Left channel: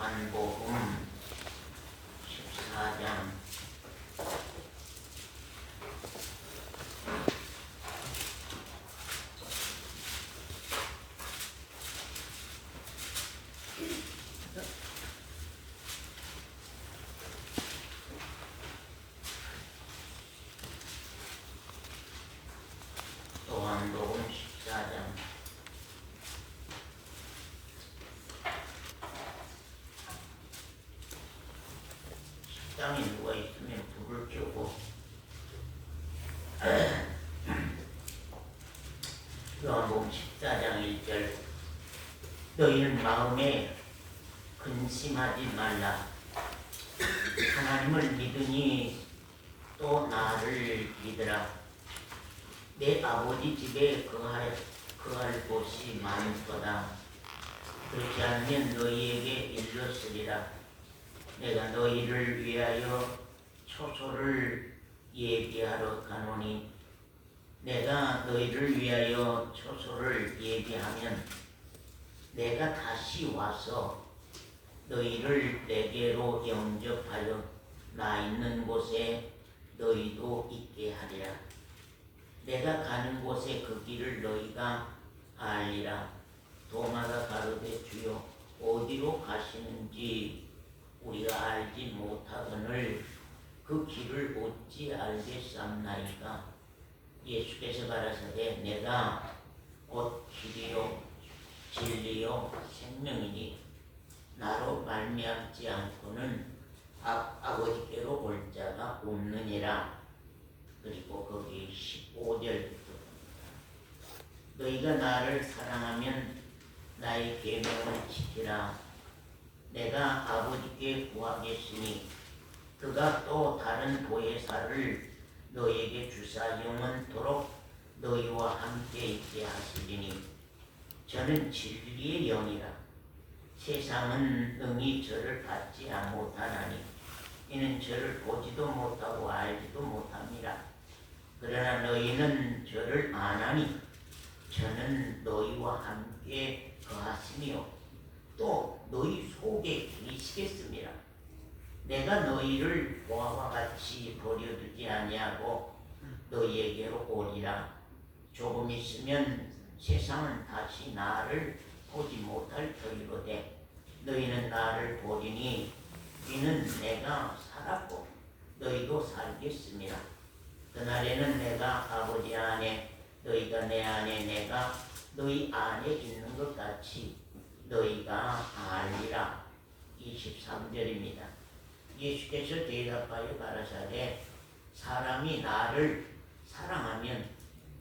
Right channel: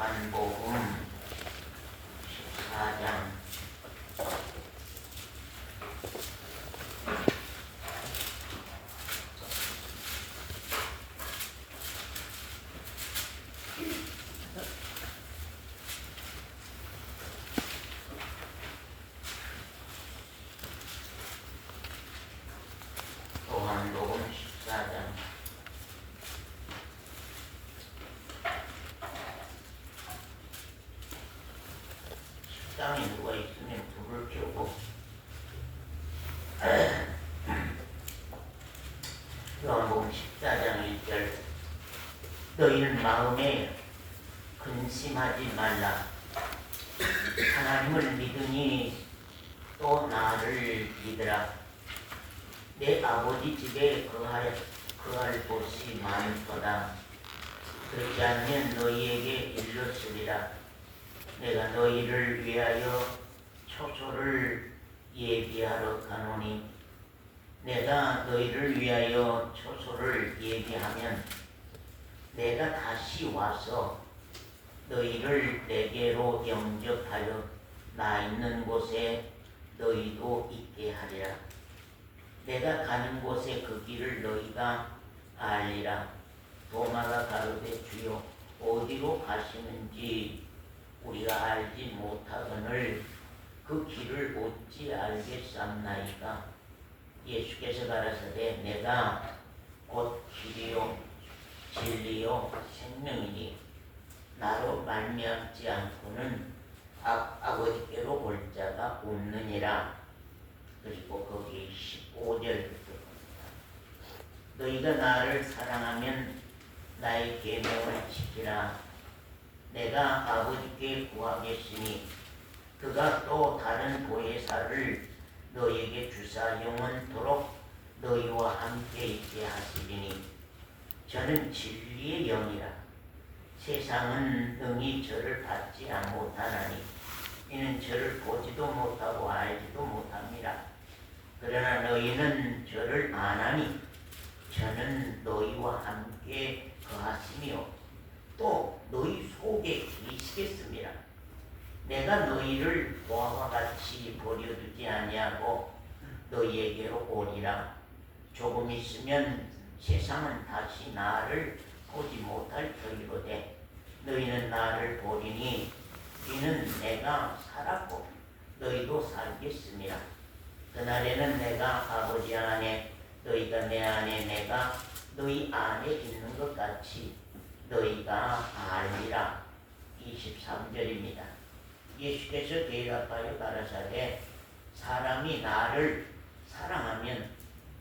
요한복음 14장 요한복음 14장 식당에 누가 있으면 불을 켜고 요한복음 14장 1절 너희는 마음에 근심하지 말라. 하나님을 믿으니 또 나를 믿으라. 내 아버지 집에 거할 곳이 많도다. 그렇지 않으면 너희에게 일렀으리라. 내가 너희를 위하여 초소를 예비하러 가노니 내가 너희를 위하여 초소를 예비하면 내가 다시 와서 너희를 내게로 영접하여 나 있는 곳에 너희도 있게 하리라. 내가 가는 곳에 그 길을 너희가 알리라. 도마가 가로되 주여 어디로 가시는지 우리가 알지 못하거늘 그 길을 어찌 알겠삼나이까. 예수께서 가라사대 내가 곧 길이요 진리요 생명이니 나로 말미암지 않고는 아버지께로 올 자가 없느니라. 그리고 거기 15절부터 너희가 나를 사랑하면 나의 계명을 지키라. 내가 아버지께 구하겠으니 그가 또 다른 보혜사를 너희에게 주사 영원토록 너희와 함께 있게 하시리니 저는 진리의 영이라. 세상은 능히 저를 받지 못하나니 이는 저를 보지도 못하고 알지도 못합니다. 그러나 너희는 저를 아나니 저는 너희와 함께 거하시며 또 너희 속에 계시겠습니다. 내가 너희를 보아와 같이 버려두지 아니하고 너희에게로 오리라. 조금 있으면 세상은 다시 나를 보지 못할 터이로되 너희는 나를 보리니 이는 내가 살았고 너희도 살겠습니다. 그날에는 내가 아버지 안에 너희가 내 안에 내가 너희 안에 있는 것 같이 너희가 알리라. 23절입니다. 예수께서 대답하여 가라사대 사람이 나를 사랑하면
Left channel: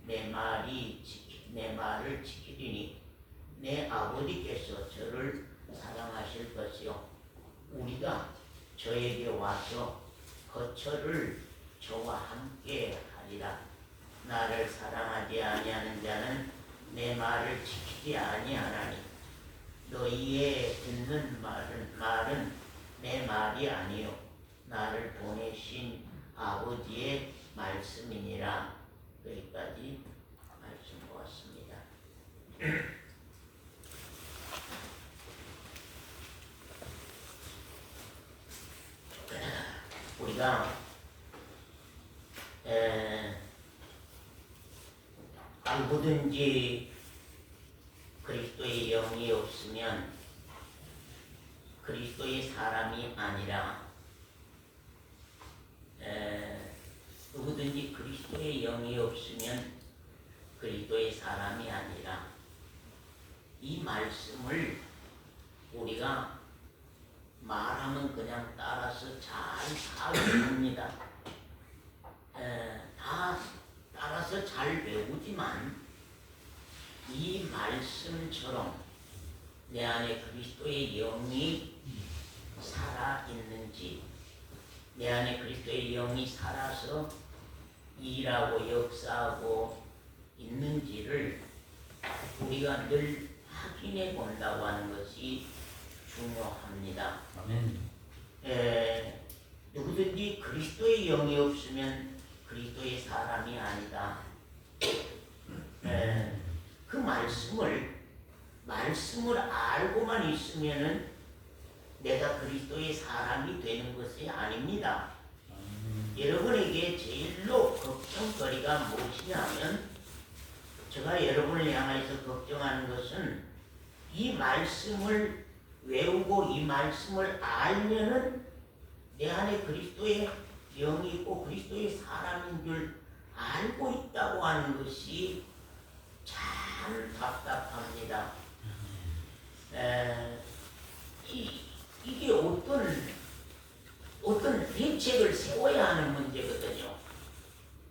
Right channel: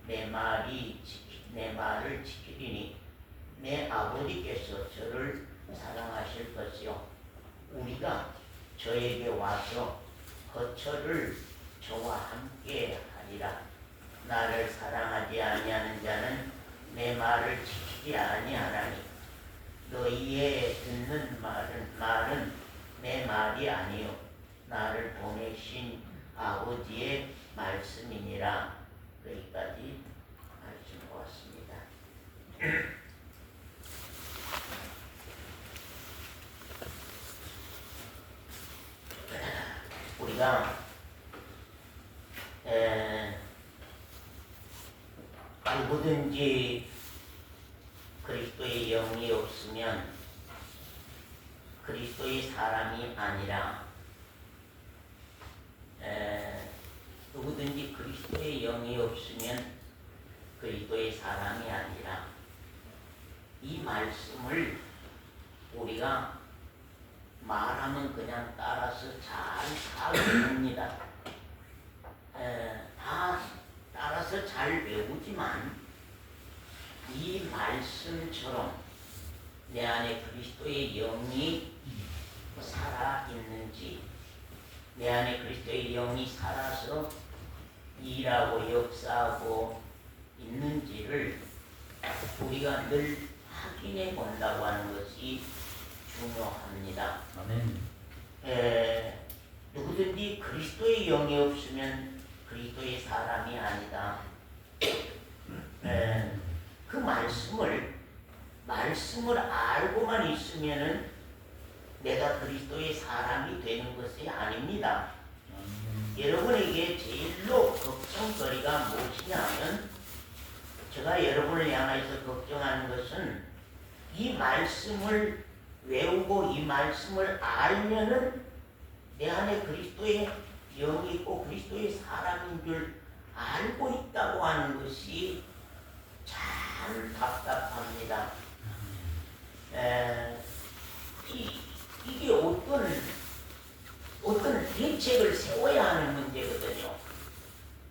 내 말을 지키리니 내 아버지께서 저를 사랑하실 것이요 우리가 저에게 와서 거처를 저와 함께 하리라. 나를 사랑하지 아니하는 자는 내 말을 지키지 아니하나니 너희의 듣는 말은 내 말이 아니요 나를 보내신 아버지의 말씀이니라. 여기까지 말씀 보았습니다. 우리가 누구든지 그리스도의 영이 없으면 그리스도의 사람이 아니라 누구든지 그리스도의 영이 없으면 그리스도의 사람이 아니라 이 말씀을 우리가 말하면 그냥 따라서 잘 외웁니다. 다 따라서 잘 외우지만 이 말씀처럼 내 안에 그리스도의 영이 살아있는지 내 안에 그리스도의 영이 살아서 일하고 역사하고 있는지를 우리가 늘 확인해 본다고 하는 것이 중요합니다. 아멘. 누구든지 그리스도의 영이 없으면 그리스도의 사람이 아니다. 그 말씀을 알고만 있으면은 내가 그리스도의 사람이 되는 것이 아닙니다. 여러분에게 제일로 걱정거리가 무엇이냐면 제가 여러분을 향해서 걱정하는 것은 이 말씀을 외우고 이 말씀을 알면은 내 안에 그리스도의 영이 있고 그리스도의 사람인 줄 알고 있다고 하는 것이 참 답답합니다. 이게 어떤 대책을 세워야 하는 문제거든요.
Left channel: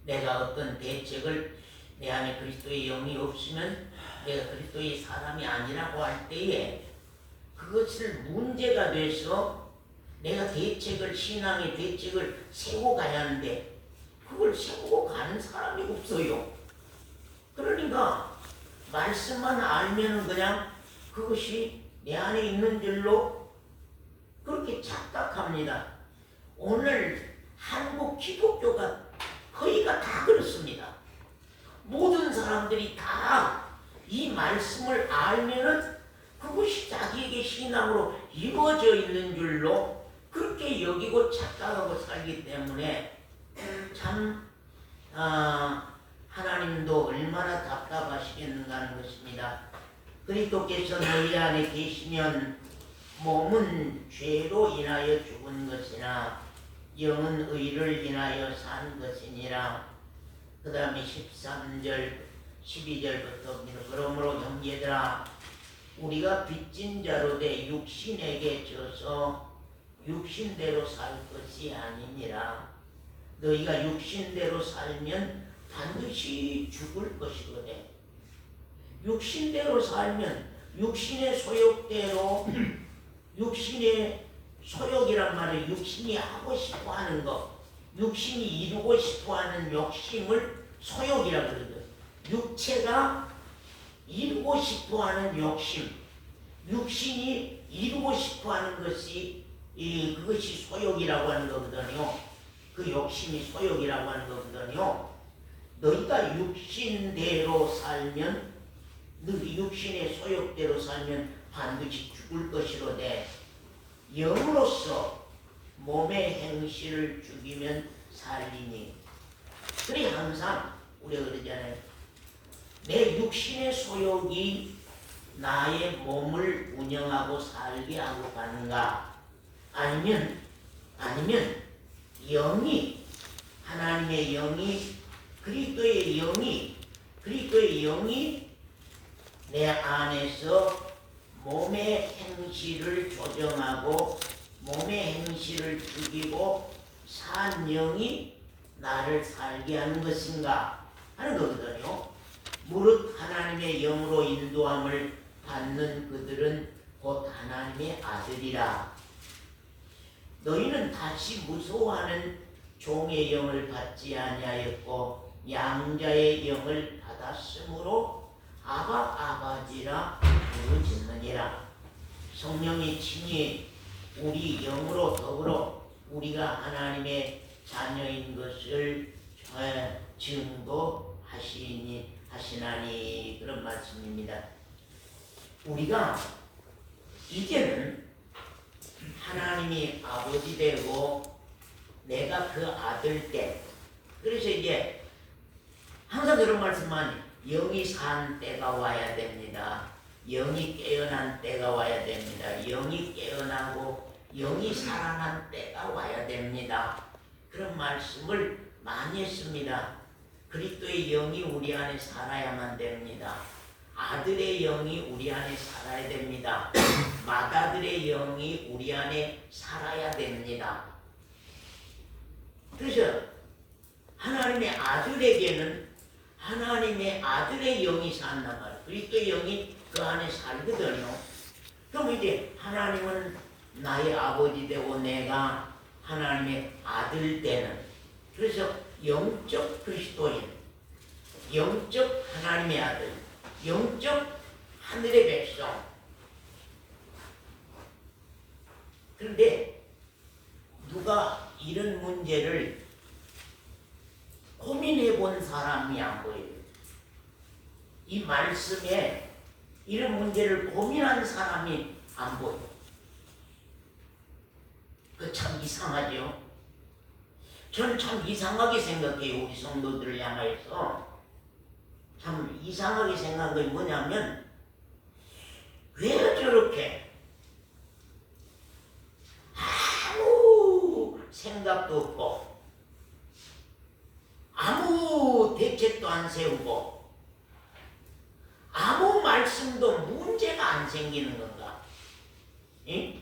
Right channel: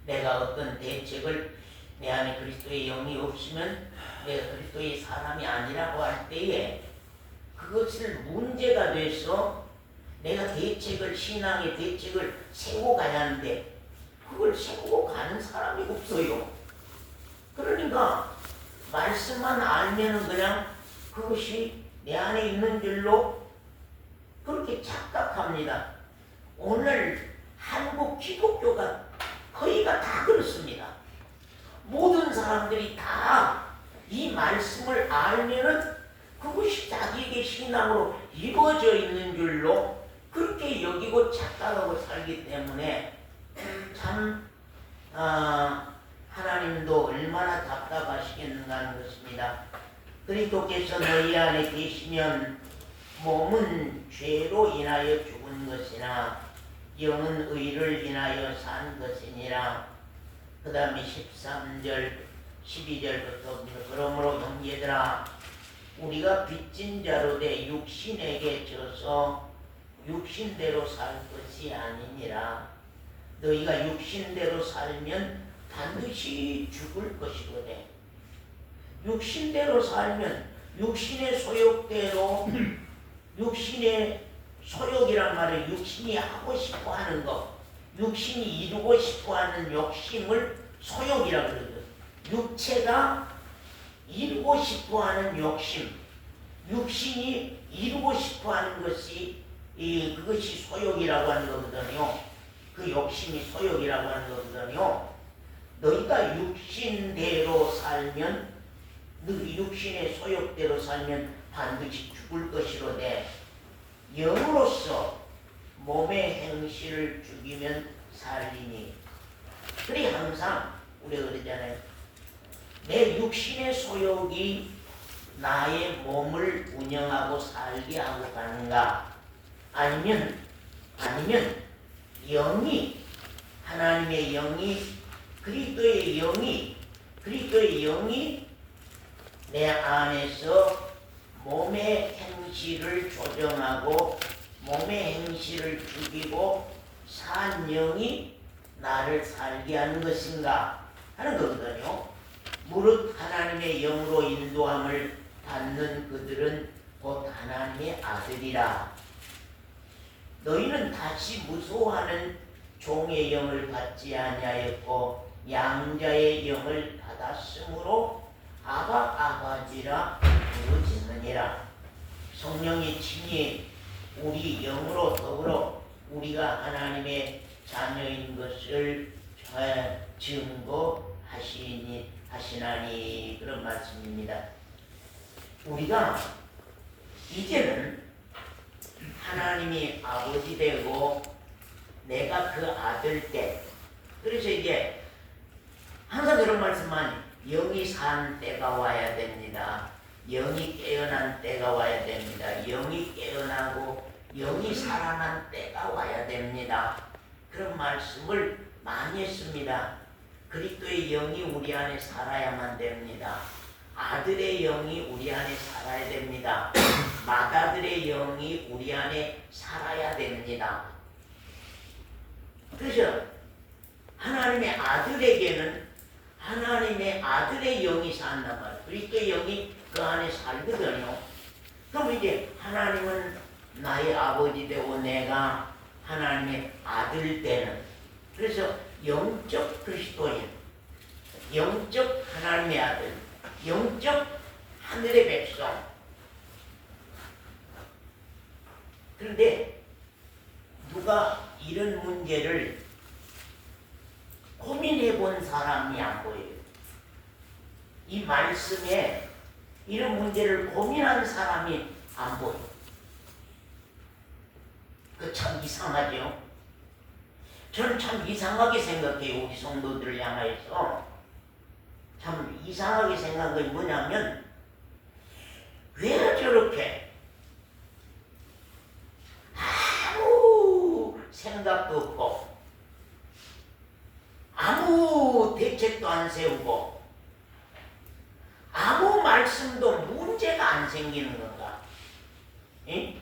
내가 어떤 대책을 내 안에 그리스도의 영이 없으면 내가 그리스도의 사람이 아니라고 할 때에 그것을 문제가 돼서 내가 신앙의 대책을 세우고 가야 하는데 그걸 세우고 가는 사람이 없어요. 그러니까 말씀만 알면 그냥 그것이 내 안에 있는 줄로 그렇게 착각합니다. 오늘 한국 기독교가 거의가 다 그렇습니다. 모든 사람들이 다 이 말씀을 알면은 그것이 자기에게 신앙으로 이루어져 있는 줄로 그렇게 여기고 착각하고 살기 때문에 참 하나님도 얼마나 답답하시겠는가 하는 것입니다. 그리스도께서 너희 안에 계시면 몸은 죄로 인하여 죽은 것이나 영은 의를 인하여 산 것이니라. 그 다음에 13절 12절부터 그러므로 형제들아 우리가 빚진 자로 돼 육신에게 져서 육신대로 살 것이 아니니라. 너희가 육신대로 살면 반드시 죽을 것이거든. 육신대로 살면 육신의 소욕대로 육신의 소욕이란 말은 육신이 하고 싶어 하는 것, 육신이 이루고 싶어 하는 욕심을 소욕이라고 그러거든. 육체가 이루고 싶어 하는 욕심, 육신이 이루고 싶어 하는 것이 그것이 소욕이라고 하는 거거든요. 그 욕심이 소욕이라고 하는 거거든요. 너희가 육신대로 살면, 너희 육신의 소욕대로 살면 반드시 죽을 것이로되 영으로서 몸의 행실을 죽이면 살리니. 그래 항상 우리가 그러잖아요. 내 육신의 소욕이 나의 몸을 운영하고 살게 하고 가는가? 아니면 영이 하나님의 영이 그리스도의 영이 내 안에서 몸의 행실을 조정하고 몸의 행실을 죽이고 산 영이 나를 살게 하는 것인가 하는 거거든요. 무릇 하나님의 영으로 인도함을 받는 그들은 곧 하나님의 아들이라. 너희는 다시 무서워하는 종의 영을 받지 아니하였고 양자의 영을 받았으므로 아바 아버지라 부르짖느니라. 성령이 친히 우리 영으로 더불어 우리가 하나님의 자녀인 것을 증거하시나니 그런 말씀입니다. 우리가 이제는 하나님이 아버지 되고 내가 그 아들 때, 그래서 이제 항상 그런 말씀만 영이 산 때가 와야 됩니다. 영이 깨어난 때가 와야 됩니다. 영이 깨어나고 영이 살아난 때가 와야 됩니다. 그런 말씀을 많이 했습니다. 그리스도의 영이 우리 안에 살아야만 됩니다. 아들의 영이 우리 안에 살아야 됩니다. 맏아들의 영이 우리 안에 살아야 됩니다. 그래서 하나님의 아들에게는 하나님의 아들의 영이 산단 말이에요. 그리스도의 영이 그 안에 살거든요. 그럼 이제 하나님은 나의 아버지 되고 내가 하나님의 아들 되는, 그래서 영적 그리스도인, 영적 하나님의 아들, 영적 하늘의 백성. 그런데 누가 이런 문제를 고민해 본 사람이 안 보여요. 이 말씀에 이런 문제를 고민한 사람이 안 보여요. 그 참 이상하죠. 저는 참 이상하게 생각해요. 우리 성도들을 향해서 참 이상하게 생각한 게 뭐냐면, 왜 저렇게 아무 생각도 없고 아무 대책도 안 세우고 아무 말씀도 문제가 안 생기는 건가? 예?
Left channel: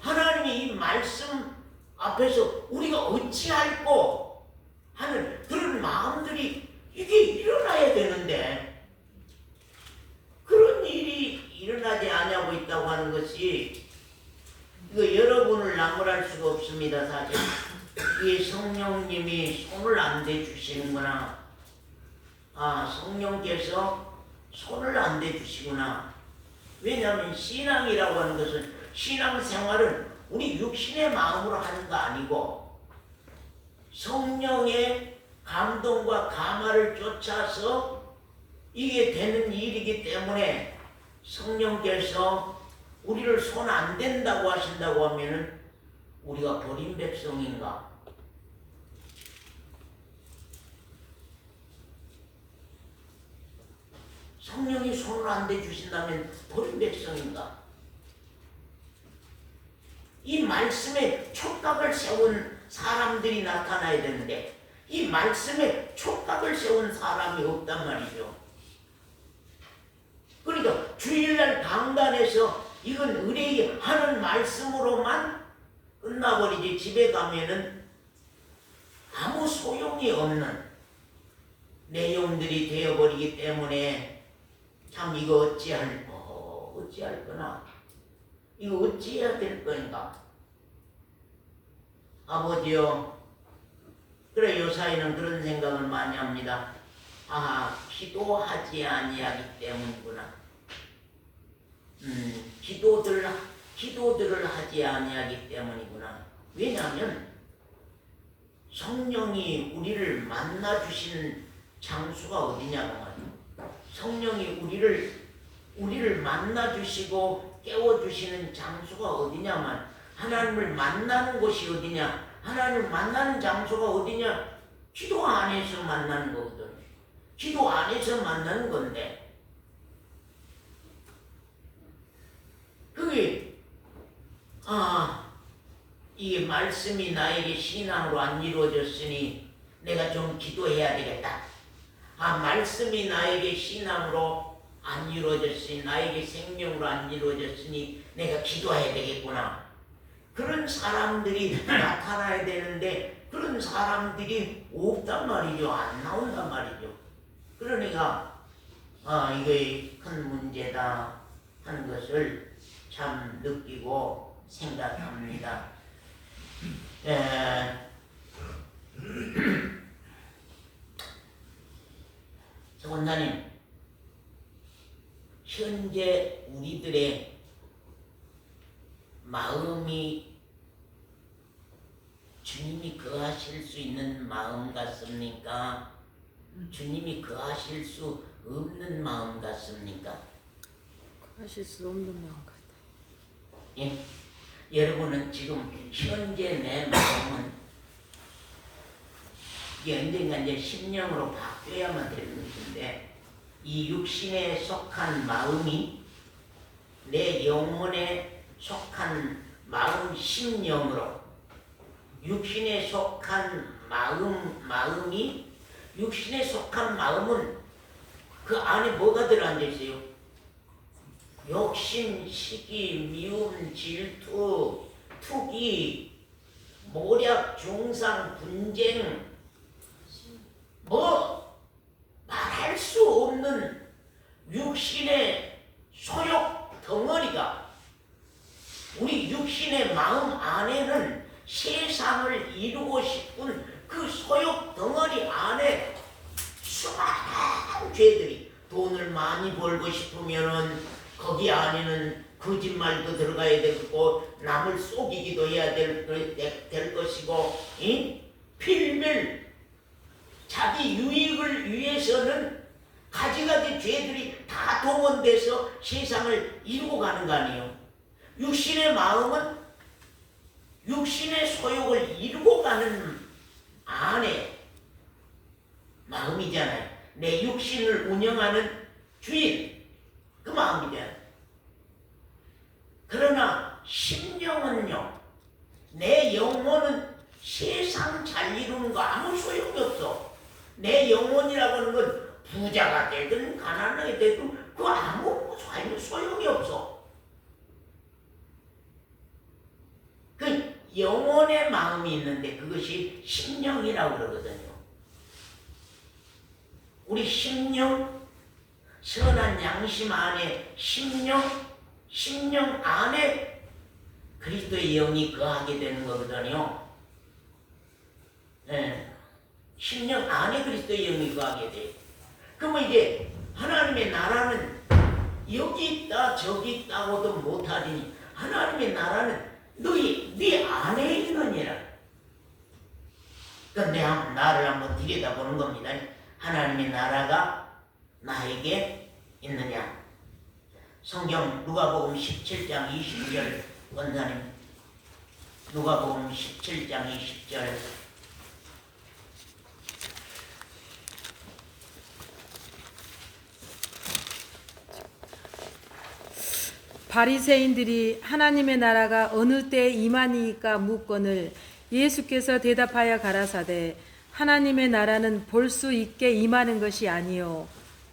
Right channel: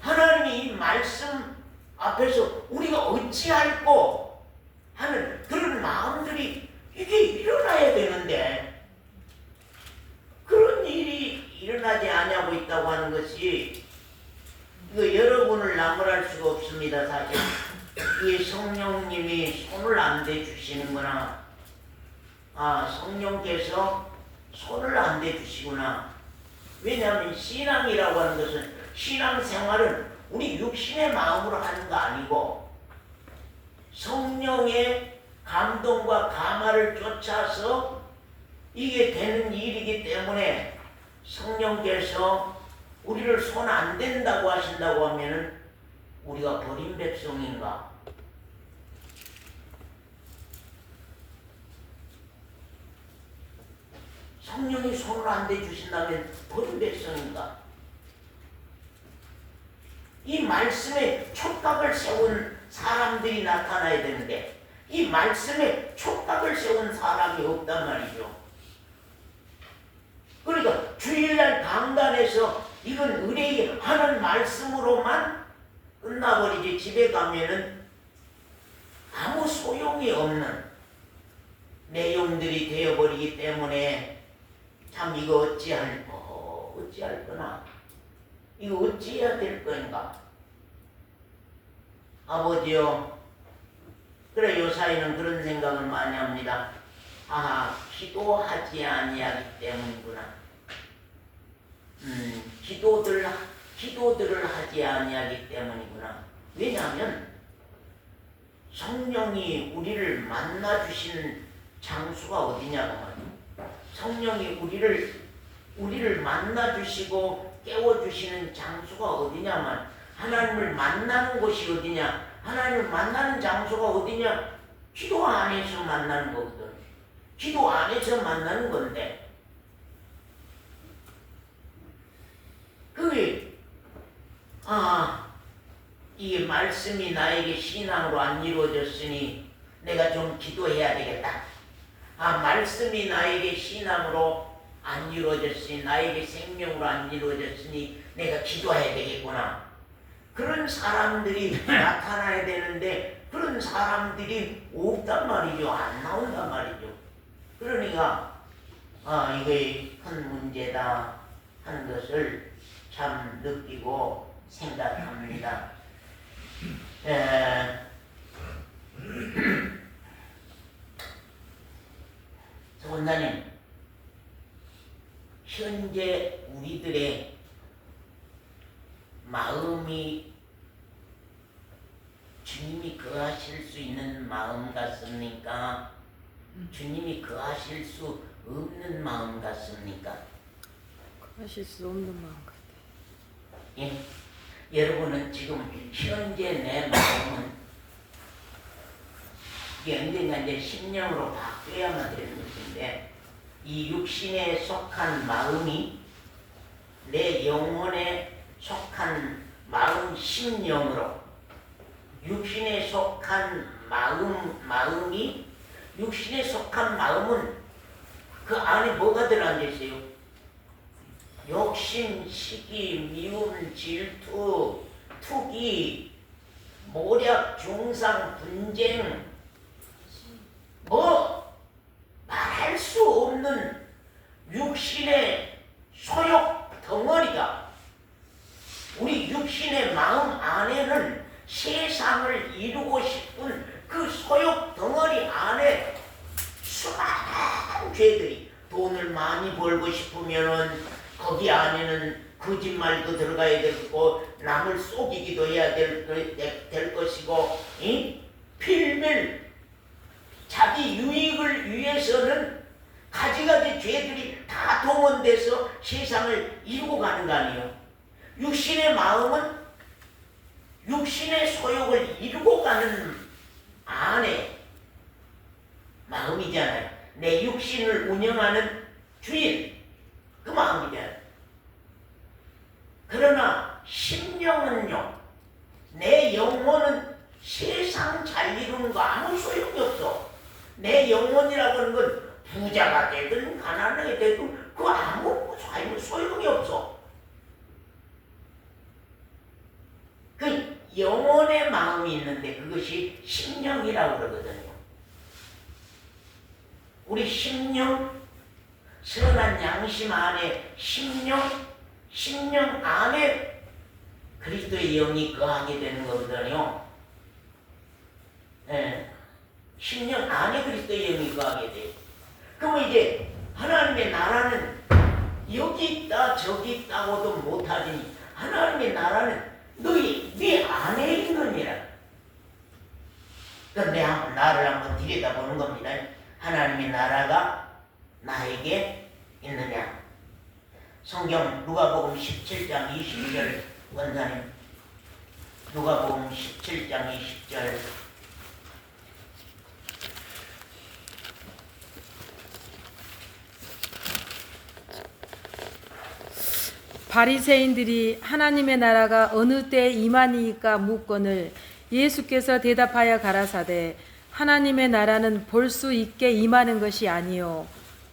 하나님이 이 말씀 앞에서 우리가 어찌할꼬 하는 그런 마음들이 이게 일어나야 되는데 그런 일이 일어나지 않고 있다고 하는 것이, 이거 여러분을 나무랄 수가 없습니다. 사실 이 성령님이 손을 안 대주시는구나. 성령께서 손을 안 대주시구나. 왜냐하면 신앙이라고 하는 것은, 신앙생활은 우리 육신의 마음으로 하는 거 아니고 성령의 감동과 감화를 쫓아서 이게 되는 일이기 때문에, 성령께서 우리를 손 안 댄다고 하신다고 하면은 우리가 버린 백성인가? 성령이 손을 안 대주신다면 버린 백성인가? 이 말씀에 촉각을 세운 사람들이 나타나야 되는데 이 말씀에 촉각을 세운 사람이 없단 말이죠. 그러니까 주일날 강단에서 이건 의뢰하는 말씀으로만 끝나버리지, 집에 가면은 아무 소용이 없는 내용들이 되어버리기 때문에 참 이거 어찌할 거나, 이거 어찌해야 될 건가? 아버지요, 그래 요사이는 그런 생각을 많이 합니다. 기도하지 아니하기 때문이구나. 기도들을 하지 아니하기 때문이구나. 왜냐하면 성령이 우리를 만나 주시는 장소가 어디냐고 말이야. 성령이 우리를 만나 주시고 깨워 주시는 장소가 어디냐면, 하나님을 만나는 곳이 어디냐? 하나님을 만나는 장소가 어디냐? 기도 안에서 만나는 거거든. 기도 안에서 만나는 건데, 그게 이게 말씀이 나에게 신앙으로 안 이루어졌으니 내가 좀 기도해야 되겠다. 말씀이 나에게 신앙으로 안 이루어졌으니, 나에게 생명으로 안 이루어졌으니 내가 기도해야 되겠구나. 그런 사람들이 나타나야 되는데 그런 사람들이 없단 말이죠. 안 나온단 말이죠. 그러니까 이게 큰 문제다 하는 것을 참 느끼고 생각합니다. 원장님, 현재 우리들의 마음이 주님이 거하실 수 있는 마음 같습니까? 주님이 거하실 수 없는 마음 같습니까? 거하실 수 없는 마음 같아요. 예? 여러분은 지금 현재 내 마음은 이게 언젠가 이제 심령으로 바뀌어야만 되는 것인데, 이 육신에 속한 마음이 내 영혼에 속한 마음 심령으로, 육신에 속한 마음이, 육신에 속한 마음은 그 안에 뭐가 들어앉아 있어요? 욕심, 시기, 미움, 질투, 투기, 모략, 중상, 분쟁, 말할 수 없는 육신의 소욕 덩어리가, 우리 육신의 마음 안에는 세상을 이루고 싶은 그 소욕 덩어리 안에 수많은 죄들이, 돈을 많이 벌고 싶으면은 거기 안에는 거짓말도 들어가야 되고, 남을 속이기도 해야 될 것이고, 필밀 자기 유익을 위해서는 가지가지 죄들이 다 동원돼서 세상을 이루고 가는 거 아니에요. 육신의 마음은 육신의 소욕을 이루고 가는 안에 마음이잖아요. 내 육신을 운영하는 주인, 그 마음이잖아요. 그러나 심령은요, 내 영혼은 세상 잘 이루는 거 아무 소용이 없어. 내 영혼이라고 하는 건 부자가 되든 가난하게 되든 그 아무 소용이 없어. 그 영혼의 마음이 있는데 그것이 심령이라고 그러거든요. 우리 심령, 선한 양심 안에 심령 안에 그리스도의 영이 거하게 되는 거거든요. 예. 심령 안에 그리스도의 영이 거하게 돼. 그러면 이제 하나님의 나라는 여기 있다 저기 있다고도 못하더니 하나님의 나라는 네 안에 있느니라. 그러니까 나를 한번 들여다보는 겁니다. 하나님의 나라가 나에게 있느냐. 성경 누가복음 17장 20절 원사님, 누가복음 17장 20절. 바리새인들이 하나님의 나라가 어느 때에 임하니까 묻거늘 예수께서 대답하여 가라사대 하나님의 나라는 볼 수 있게 임하는 것이 아니요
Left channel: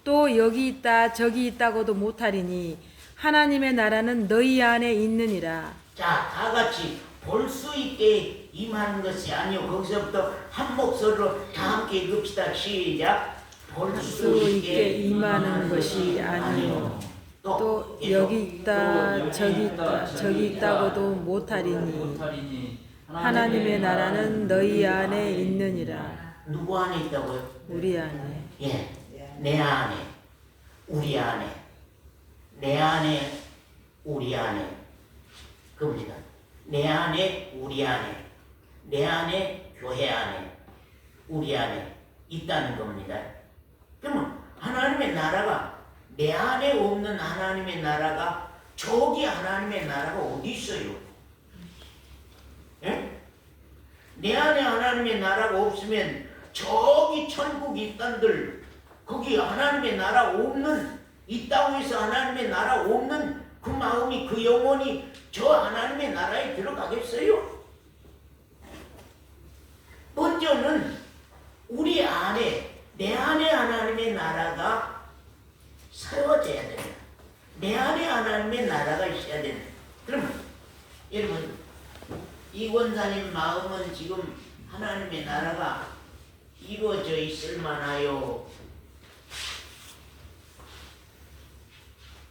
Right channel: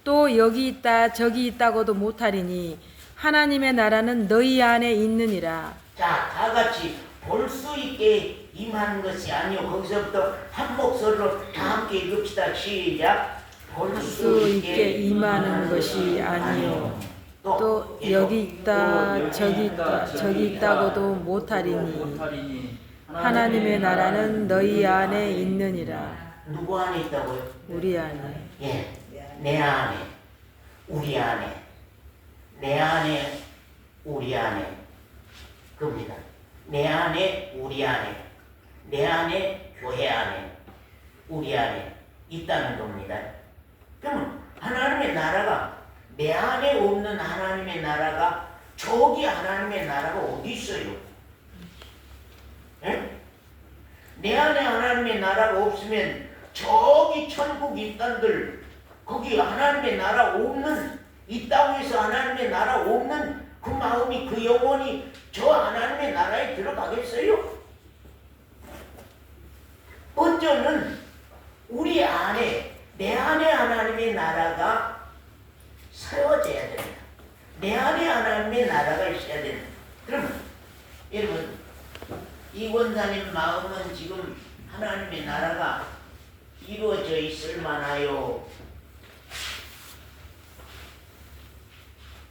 또 여기 있다 저기 있다고도 못하리니 하나님의 나라는 너희 안에 있느니라. 자, 다 같이 볼 수 있게 임하는 것이 아니요. 거기서부터 한 목소리로 다 함께 읽읍시다. 시작. 볼 수 있게 임하는 것이 아니요 또 여기 있다 저기 있다 저기 있다고도 못하리니 하나님의 나라는 너희 안에 있느니라. 누구 안에 있다고요? 우리 안에. 예, 내 안에, 우리 안에, 내 안에, 우리 안에, 그겁니다. 내 안에, 우리 안에, 내 안에, 교회 안에, 우리 안에 있다는 겁니다. 그럼 하나님의 나라가 내 안에 없는 하나님의 나라가 저기 하나님의 나라가 어디 있어요? 예? 내 안에 하나님의 나라가 없으면 저기 천국 있단들 거기 하나님의 나라 없는 있다고 해서 하나님의 나라 없는 그 마음이 그 영혼이 저 하나님의 나라에 들어가겠어요? 먼저는 우리 안에 내 안에 하나님의 나라가 세워져야 된다. 내 안에 하나님의 나라가 있어야 된다. 그러면 여러분 이 원사님 마음은 지금 하나님의 나라가 이루어져 있을 만하요.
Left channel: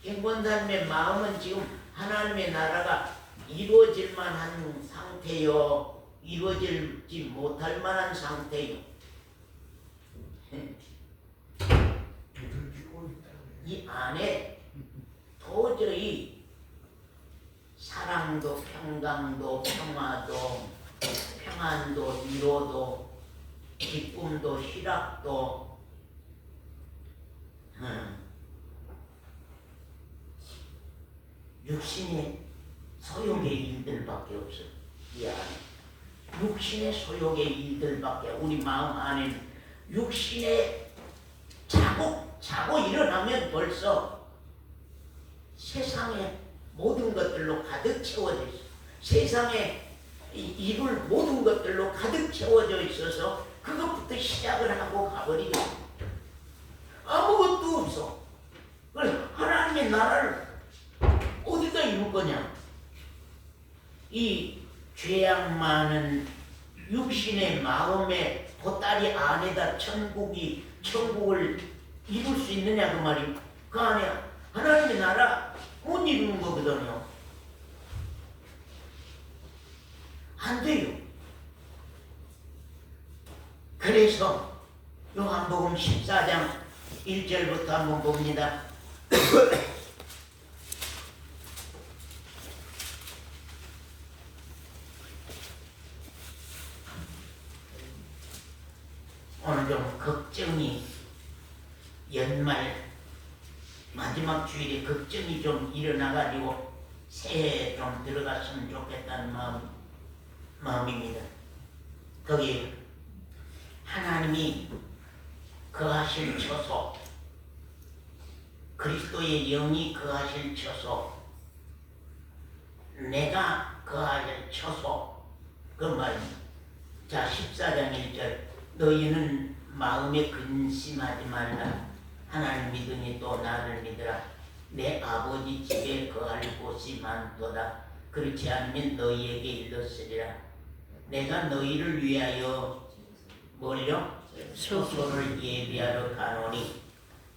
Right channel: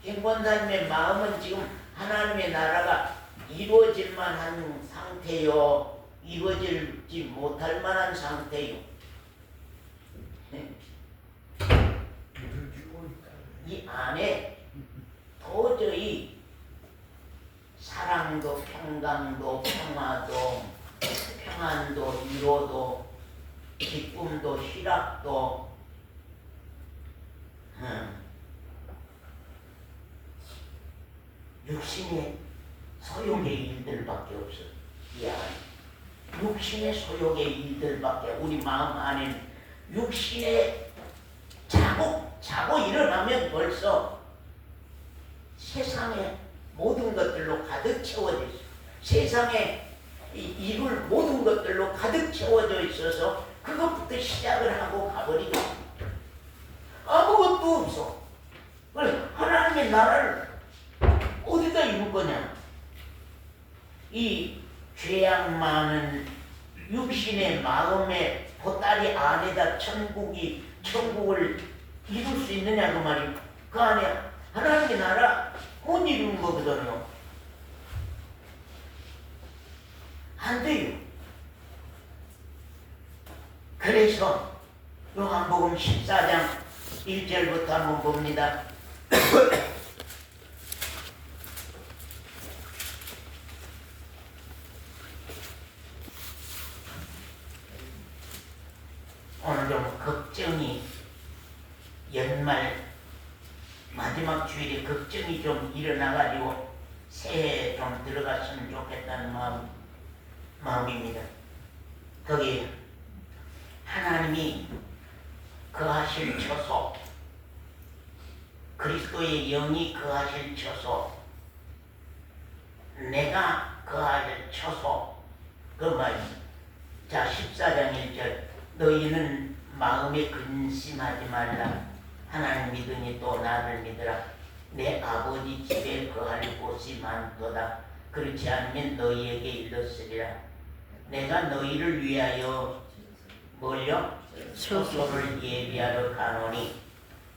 이 원사님의 마음은 지금 하나님의 나라가 이루어질 만한 상태요. 이루어지지 못할 만한 상태요. 이 안에 도저히 사랑도 평강도 평화도 평안도 위로도 기쁨도 희락도 육신의 소욕의 일들밖에 없어. 이 안에 육신의 소욕의 일들밖에. 우리 마음 안에는 육신의 자고 일어나면 벌써 세상의 모든 것들로 가득 채워져 있어. 세상에 이룰 모든 것들로 가득 채워져 있어서 그것부터 시작을 하고 가버리고 아무것도 없어. 그래 하나님의 나라를 어디다 이룰 거냐? 이 죄악 많은 육신의 마음의 보따리 안에다 천국을 이룰 수 있느냐 그 말이. 그 안에 하나님의 나라 못 이루는 거거든요. 안 돼요. 그래서 요한복음 14장 1절부터 한번 봅니다. 오늘 좀 걱정이 연말 마지막 주일에 걱정이 좀 일어나가지고 새해 좀 들어갔으면 좋겠다는 마음. 마음입니다. 거기 하나님이 거하실 처소, 그리스도의 영이 거하실 처소, 내가 거하실 처소, 그 말입니다. 자, 14장 1절, 너희는 마음에 근심하지 말라. 하나님 믿으니 또 나를 믿으라. 내 아버지 집에 거할 곳이 많도다. 그렇지 않으면 너희에게 일렀으리라. 내가 너희를 위하여 뭘요? 처소를 예비하러 가노니,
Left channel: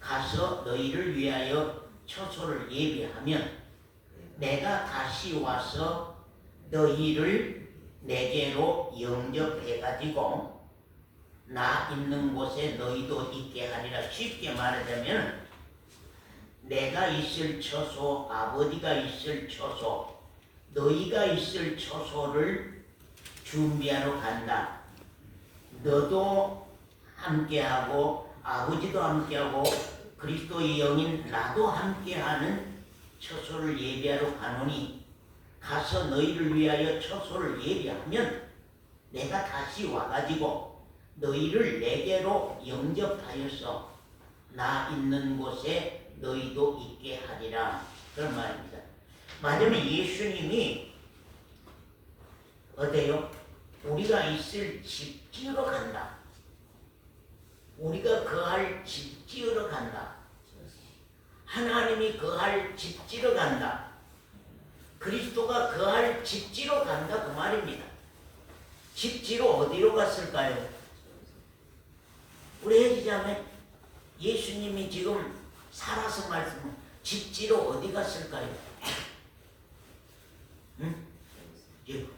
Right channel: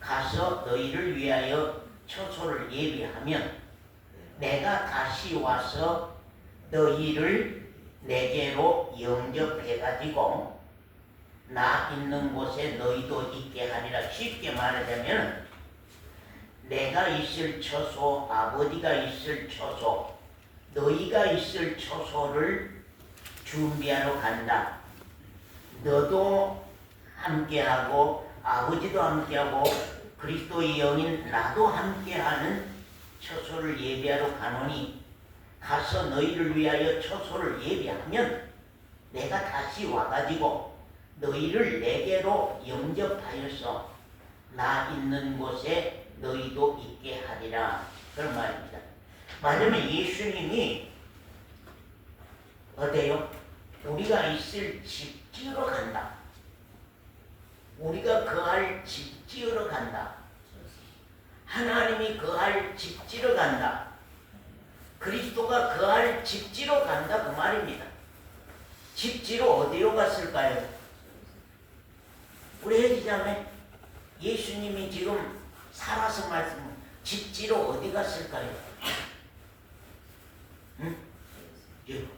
가서 너희를 위하여 처소를 예비하면 내가 다시 와서 너희를 내게로 영접해가지고 나 있는 곳에 너희도 있게 하리라. 쉽게 말하자면 내가 있을 처소, 아버지가 있을 처소, 너희가 있을 처소를 준비하러 간다. 너도 함께하고 아버지도 함께하고 그리스도의 영인 나도 함께하는 처소를 예비하러 가노니, 가서 너희를 위하여 처소를 예비하면 내가 다시 와가지고 너희를 내게로 영접하여서 나 있는 곳에 너희도 있게 하리라. 그런 말입니다. 말하자면 예수님이 어때요? 우리가 있을 집 지으러 간다. 우리가 거할 집 지으러 간다. 하나님이 거할 집 지으러 간다. 그리스도가 거할 집 지으러 간다, 그 말입니다. 집 지으러 어디로 갔을까요? 우리 혜지자매, 예수님이 지금 살아서 말씀, 집 지으러 어디 갔을까요? 응?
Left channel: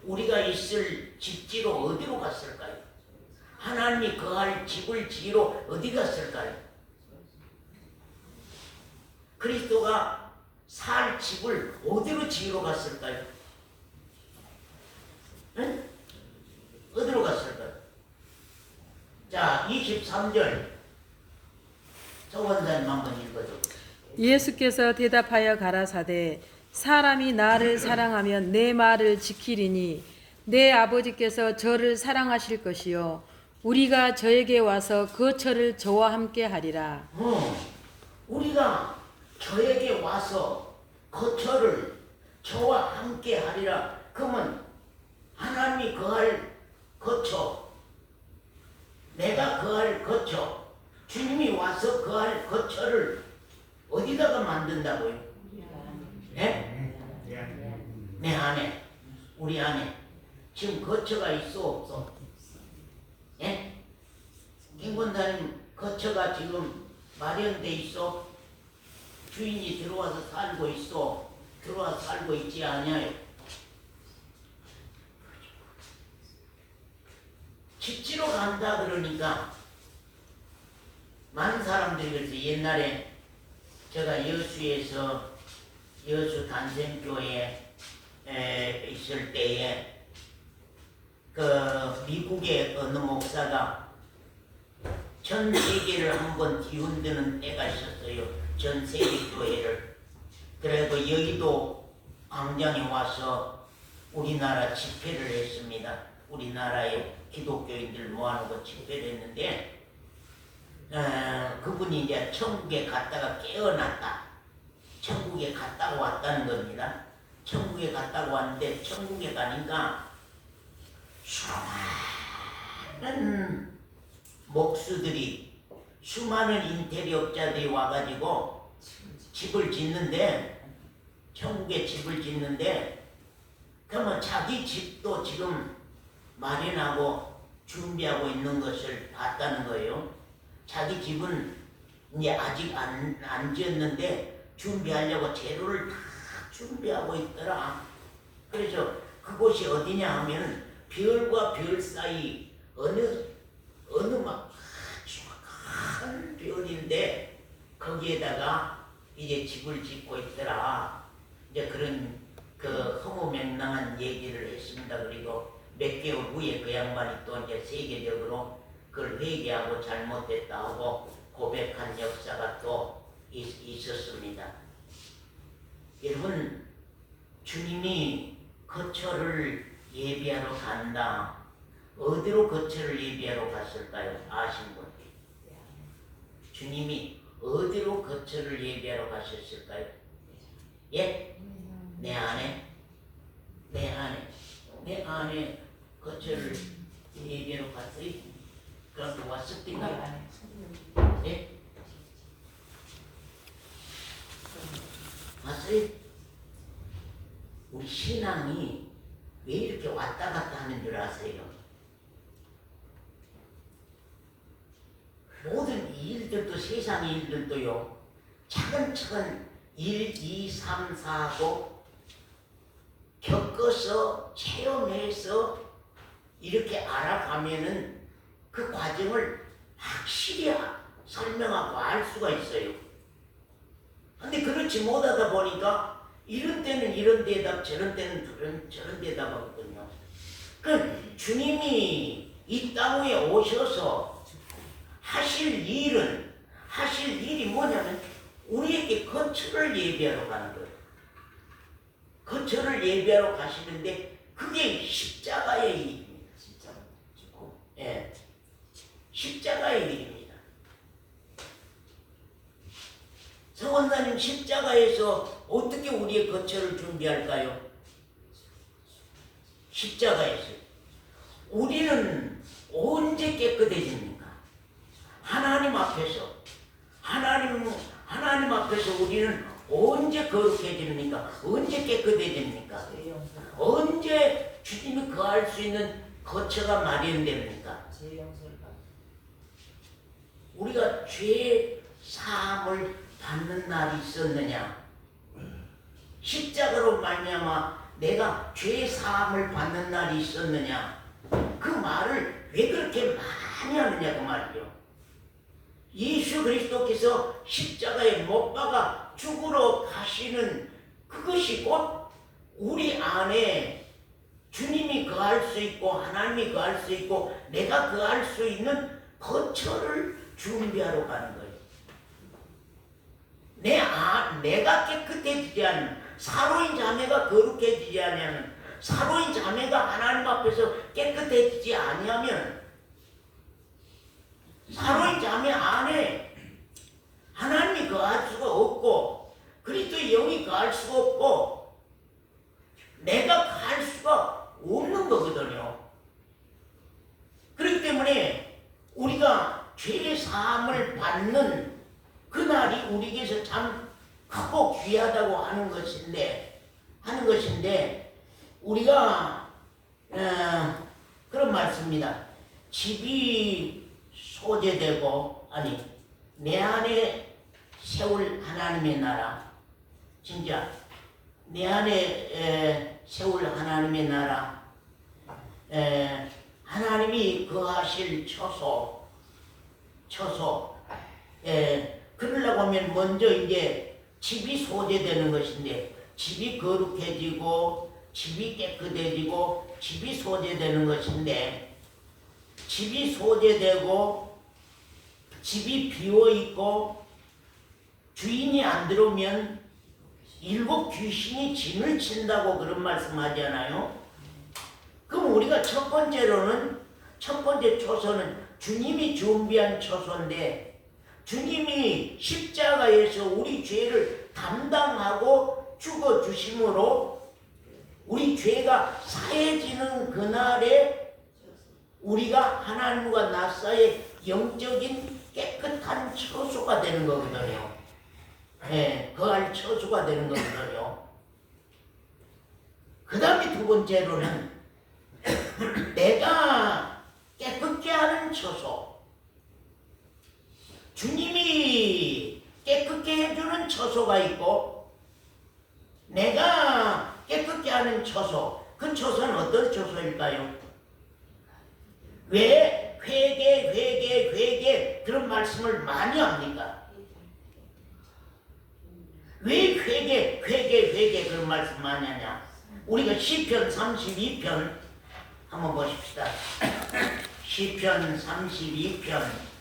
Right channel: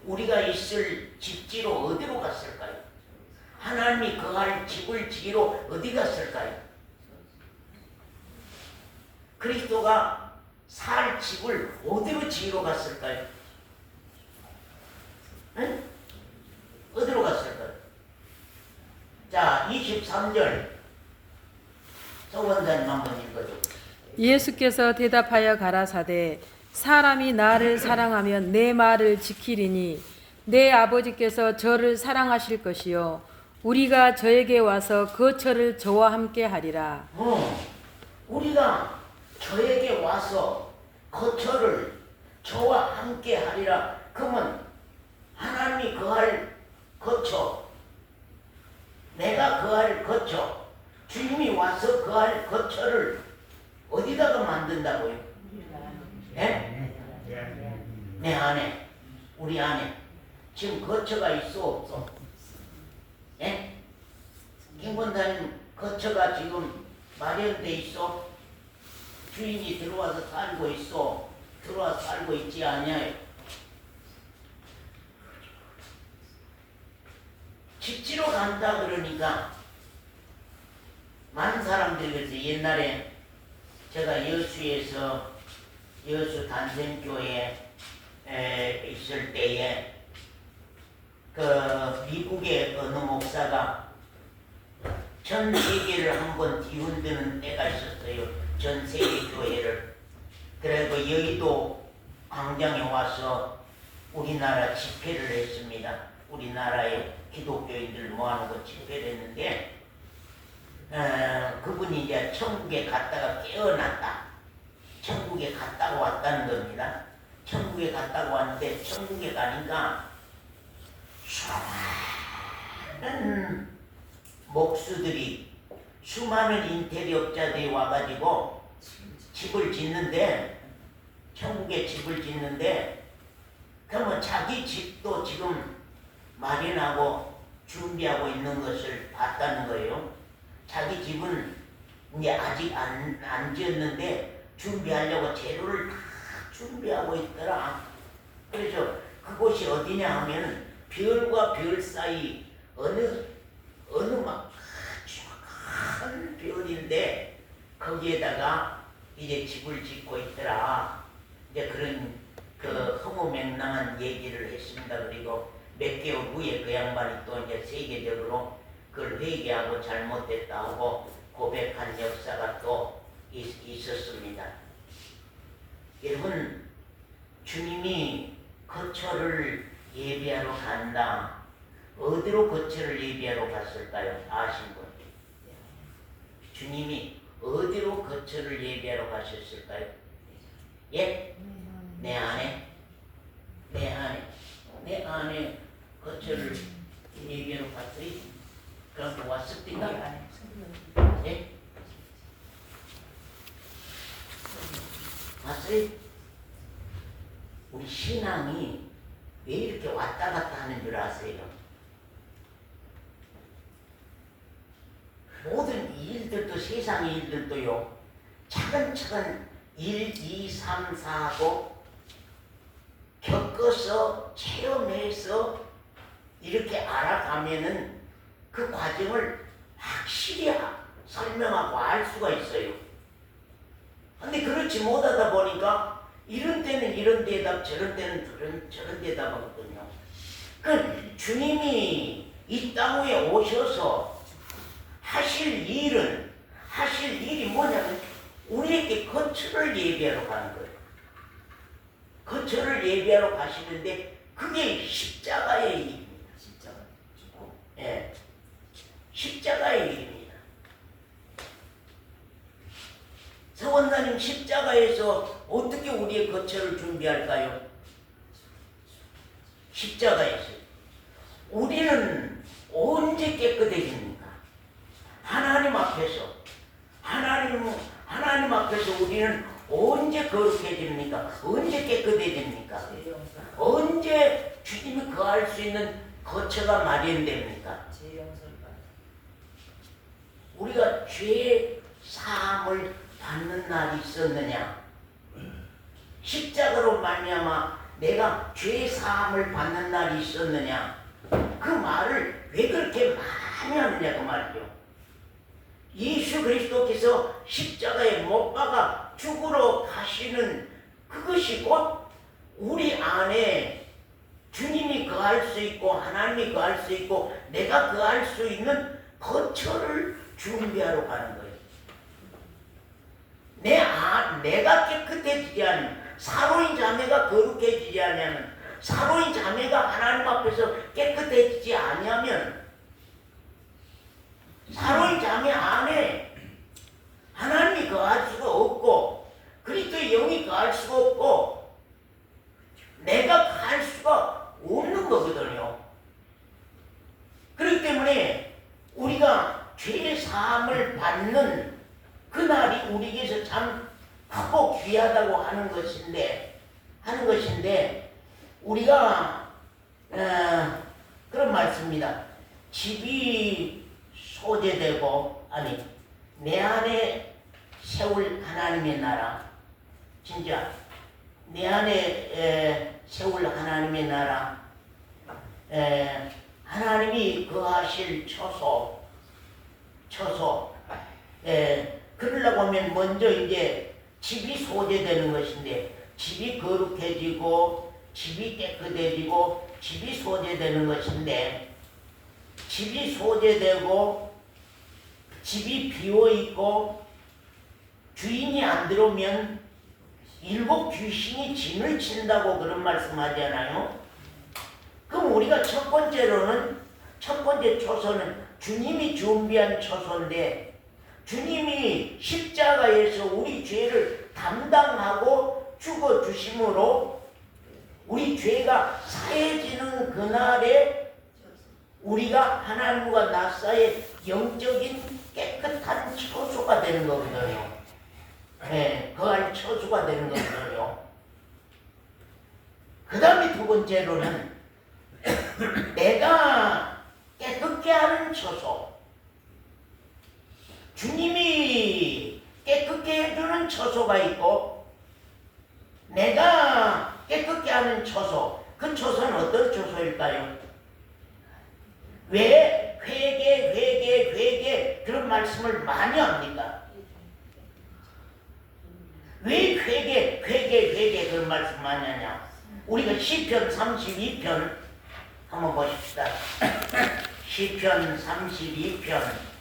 우리가 있을 집 지으러 어디로 갔을까요? 하나님이 거할 집을 지으러 어디 갔을까요? 그리스도가 살 집을 어디로 지으러 갔을까요? 응? 어디로 갔을까요? 자, 23절 서원사님 한번 읽어줘. 예수께서 대답하여 가라사대 사람이 나를 사랑하면 내 말을 지키리니 내 아버지께서 저를 사랑하실 것이요 우리가 저에게 와서 거처를 저와 함께 하리라. 우리가 저에게 와서 거처를 저와 함께 하리라. 그러면 하나님이 거할 거처, 내가 거할 거처, 주님이 와서 거할 거처를 어디다가 만든다고요? 예? 내 안에, 우리 안에 지금 거처가 있어 없어? 예? 김권사님 거처가 지금 마련돼 있어? 주인이 들어와서 살고 있어? 들어와서 살고 있지 않냐? 집지로 간다 그러니까 많은 사람들이 그래서 옛날에 제가 여수에서 여수 단생교회에 있을 때에 그 미국의 어느 목사가 전 세계를 한번 뒤흔드는 때가 있었어요. 전 세계 교회를. 그래서 여의도 광장에 와서 우리나라 집회를 했습니다. 우리나라의 기독교인들 모아놓고 집회를 했는데 그분이 이제 천국에 갔다가 깨어났다. 천국에 갔다가 왔다는 겁니다. 천국에 갔다가 왔는데 천국에 가니까 수많은 목수들이 수많은 인테리어업자들이 와가지고 집을 짓는데 천국에 집을 짓는데 그러면 자기 집도 지금 마련하고 준비하고 있는 것을 봤다는 거예요. 자기 집은 이제 아직 안 지었는데 준비하려고 재료를 다 준비하고 있더라. 그래서 그곳이 어디냐 하면 별과 별 사이 어느 막 큰 별인데 거기에다가 이제 집을 짓고 있더라. 이제 그런 그 허무맹랑한 얘기를 했습니다. 그리고 몇 개월 후에 그 양반이 또 이제 세계적으로 그걸 회개하고 잘못됐다 하고 고백한 역사가 또 있었습니다. 여러분, 주님이 거처를 예배하러 간다. 어디로 거처를 예배하러 갔을까요? 아신 분? 주님이 어디로 거처를 예배하러 가셨을까요? 예? 내 안에 거처를 예배하러 갔어요. 그럼 왔을때가 네? 봤어요? 우리 신앙이 왜 이렇게 왔다 갔다 하는 줄 아세요? 모든 일들도 세상의 일들도요. 차근차근 1, 2, 3, 4하고 겪어서 체험해서 이렇게 알아가면은 그 과정을 확실히 설명하고 알 수가 있어요. 근데 그렇지 못하다 보니까 이런 때는 이런 대답, 저런 때는 저런 대답 하거든요. 그 주님이 이 땅 위에 오셔서 하실 일이 뭐냐면 우리에게 거처를 예배하러 가는 거예요. 거처를 예배하러 가시는데 그게 십자가의 일입니다. 예, 십자가의 일입니다. 서원사님 십자가에서 어떻게 우리의 거처를 준비할까요? 십자가에서 우리는 언제 깨끗해집니까? 하나님 앞에서 하나님 앞에서 우리는 언제 거룩해집니까? 언제 깨끗해집니까? 언제 주님이 거할 수 있는 거처가 마련됩니까? 우리가 죄 사함을 받는 날이 있었느냐? 십자가로 말미암아 내가 죄 사함을 받는 날이 있었느냐? 그 말을 왜 그렇게 많이 하느냐 그 말이요. 예수 그리스도께서 십자가에 못 박아 죽으러 가시는 그것이 곧 우리 안에 주님이 거할 수 있고 하나님이 거할 수 있고 내가 거할 수 있는 거처를 준비하러 가는 거예요. 내가 깨끗해지지 않으면 사로인 자매가 거룩해지지 않으면 사로인 자매가 하나님 앞에서 깨끗해지지 아니하면 사로인 자매 안에 하나님이 거할 수가 없고 그리스도의 영이 거할 수가 없고 내가 거할 수가 없는 거거든요. 그렇기 때문에 우리가 죄의 사함을 받는 그날이 우리에게서 참 크고 귀하다고 하는 것인데 우리가 그런 말씀입니다. 집이 소재되고 내 안에 세울 하나님의 나라 진짜 내 안에 세울 하나님의 나라 하나님이 거하실 처소 그러려고 하면 먼저 이제 집이 소재되는 것인데 집이 거룩해지고 집이 깨끗해지고 집이 소재되는 것인데 집이 소재되고 집이 비어있고 주인이 안 들어오면 7 귀신이 진을 친다고 그런 말씀하잖아요. 그럼 우리가 첫 번째 초소는 주님이 준비한 초소인데 주님이 십자가에서 우리 죄를 담당하고 죽어주심으로 우리 죄가 사해지는 그날에 우리가 하나님과 나 사이의 영적인 깨끗한 처소가 되는 거거든요. 거할 처소가 되는 거거든요. 그 다음에 두 번째로는 내가 깨끗게 하는 처소 주님이 깨끗게 해주는 처소가 있고 내가 깨끗게 하는 처소 그 처소는 어떤 처소일까요? 왜 회개 그런 말씀을 많이 합니까? 왜 회개 그런 말씀 많이 하냐? 우리가 시편 32편 한번 보십시다. 시편 32편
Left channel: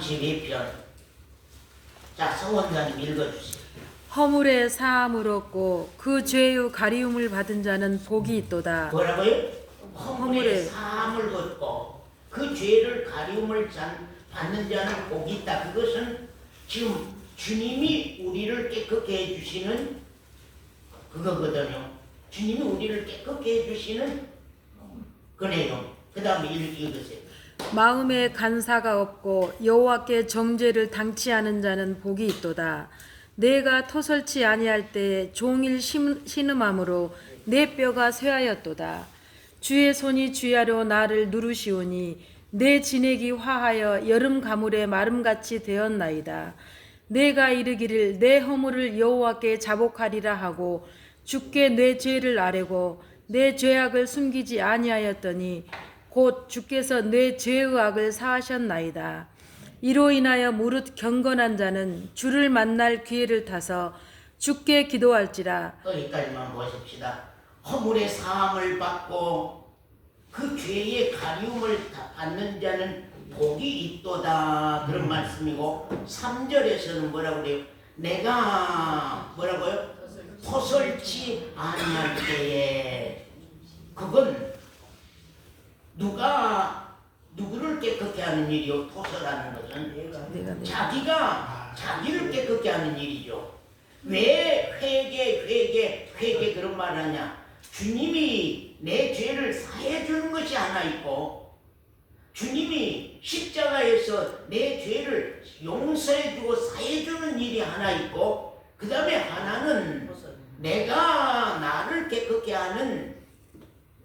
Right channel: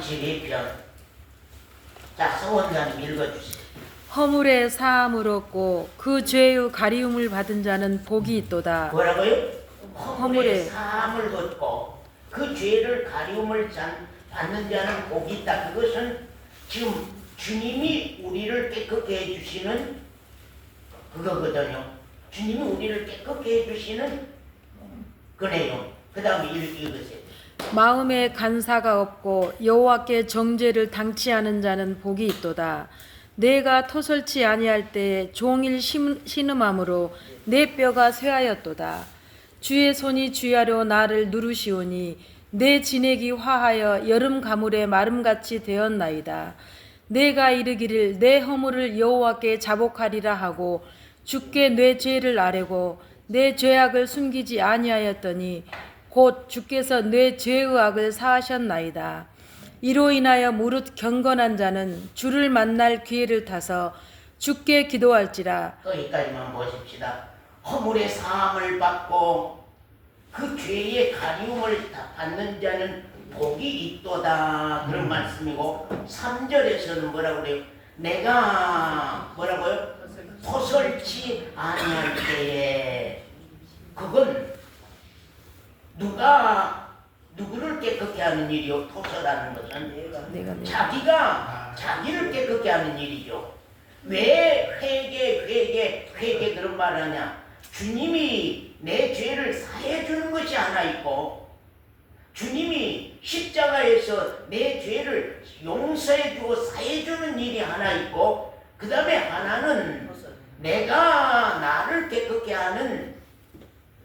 32편. 자, 성원장님 읽어주세요. 허물의 사함을 얻고 그 죄의 가리움을 받은 자는 복이 있도다. 뭐라고요? 허물의 허물의 사함을 얻고 그 죄를 가리움을 받는 자는 복이 있다. 그것은 지금 주님이 우리를 깨끗게 해주시는 그거거든요. 주님이 우리를 깨끗게 해주시는 그 내용. 그 다음에 읽으세요. 마음에 간사가 없고 여호와께 정죄를 당치 않은 자는 복이 있도다. 내가 토설치 아니할 때에 종일 신음함으로 내 뼈가 쇠하였도다. 주의 손이 주야로 나를 누르시오니 내 진액이 화하여 여름 가물의 마름같이 되었나이다. 내가 이르기를 내 허물을 여호와께 자복하리라 하고 주께 내 죄를 아뢰고 내 죄악을 숨기지 아니하였더니 곧 주께서 내 죄의 악을 사하셨나이다. 이로 인하여 무릇 경건한 자는 주를 만날 기회를 타서 주께 기도할지라. 여기까지만 보십시다. 허물의 사함을 받고 그 죄의 가리움을 받는 자는 복이 있도다. 그런 말씀이고 3절에서는 뭐라고 그래요? 내가 뭐라고요? 토설치 아니할 때에 그건 누구를 깨끗게 하는 일이요? 토설하는 것은 자기가 자기를 깨끗게 하는 일이죠. 왜 회개 그런 말 하냐? 주님이 내 죄를 사해 주는 것이 하나 있고 주님이 십자가에서 내 죄를 용서해 주고 사해 주는 일이 하나 있고 그 다음에 하나는 내가 나를 깨끗게 하는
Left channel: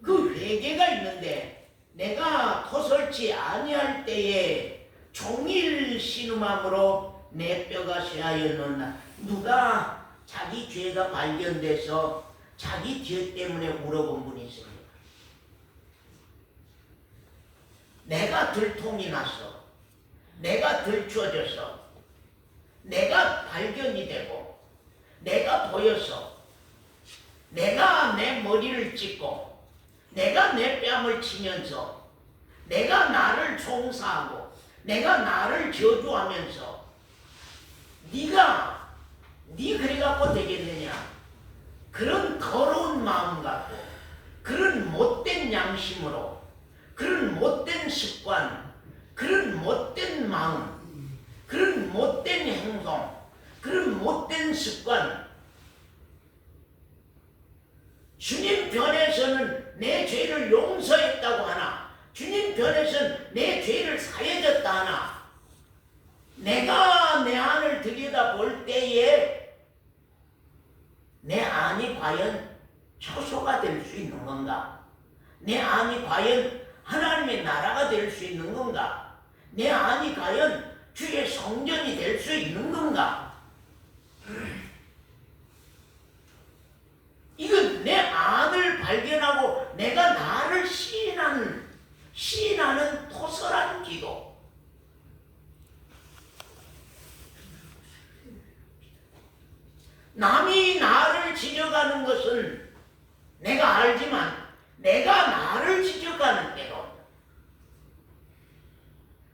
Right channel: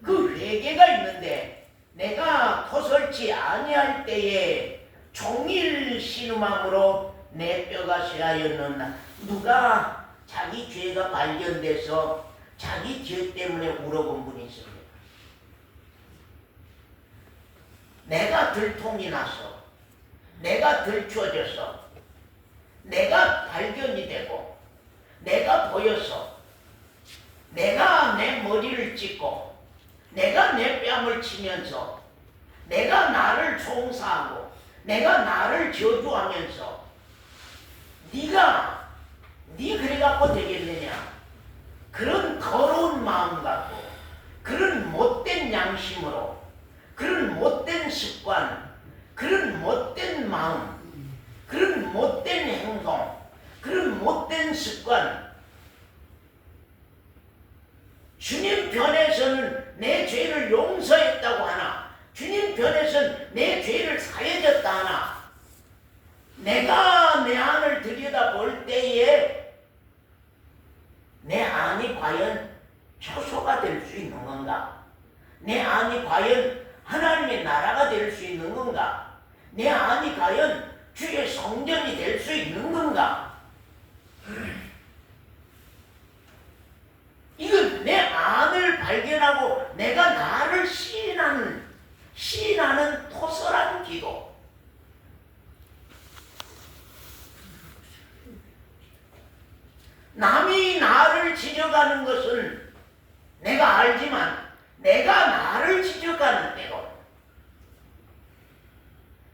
그 회개가 있는데 내가 토설치 아니할 때에 종일 신음함으로 내 뼈가 쇠하였느냐. 누가 자기 죄가 발견돼서 자기 죄 때문에 울어본 분이 있습니다. 내가 들통이 나서 내가 들추어져서 내가 발견이 되고 내가 보여서 내가 내 머리를 찢고 내가 내 뺨을 치면서 내가 나를 총사하고 내가 나를 저주하면서 네가 그래갖고 되겠느냐. 그런 더러운 마음 갖고 그런 못된 양심으로 그런 못된 습관 그런 못된 마음 그런 못된 행동 그런 못된 습관 주님 편에서는 내 죄를 용서했다고 하나 주님 편에서는 내 죄를 사해졌다 하나 내가 내 안을 들여다볼 때에 내 안이 과연 처소가 될 수 있는 건가? 내 안이 과연 하나님의 나라가 될 수 있는 건가? 내 안이 과연 주의 성전이 될 수 있는 건가? 이건 내 안을 발견하고 내가 나를 시인하는 토설한 기도. 남이 나를 지적하는 것은 내가 알지만 내가 나를 지적하는 때가 온다.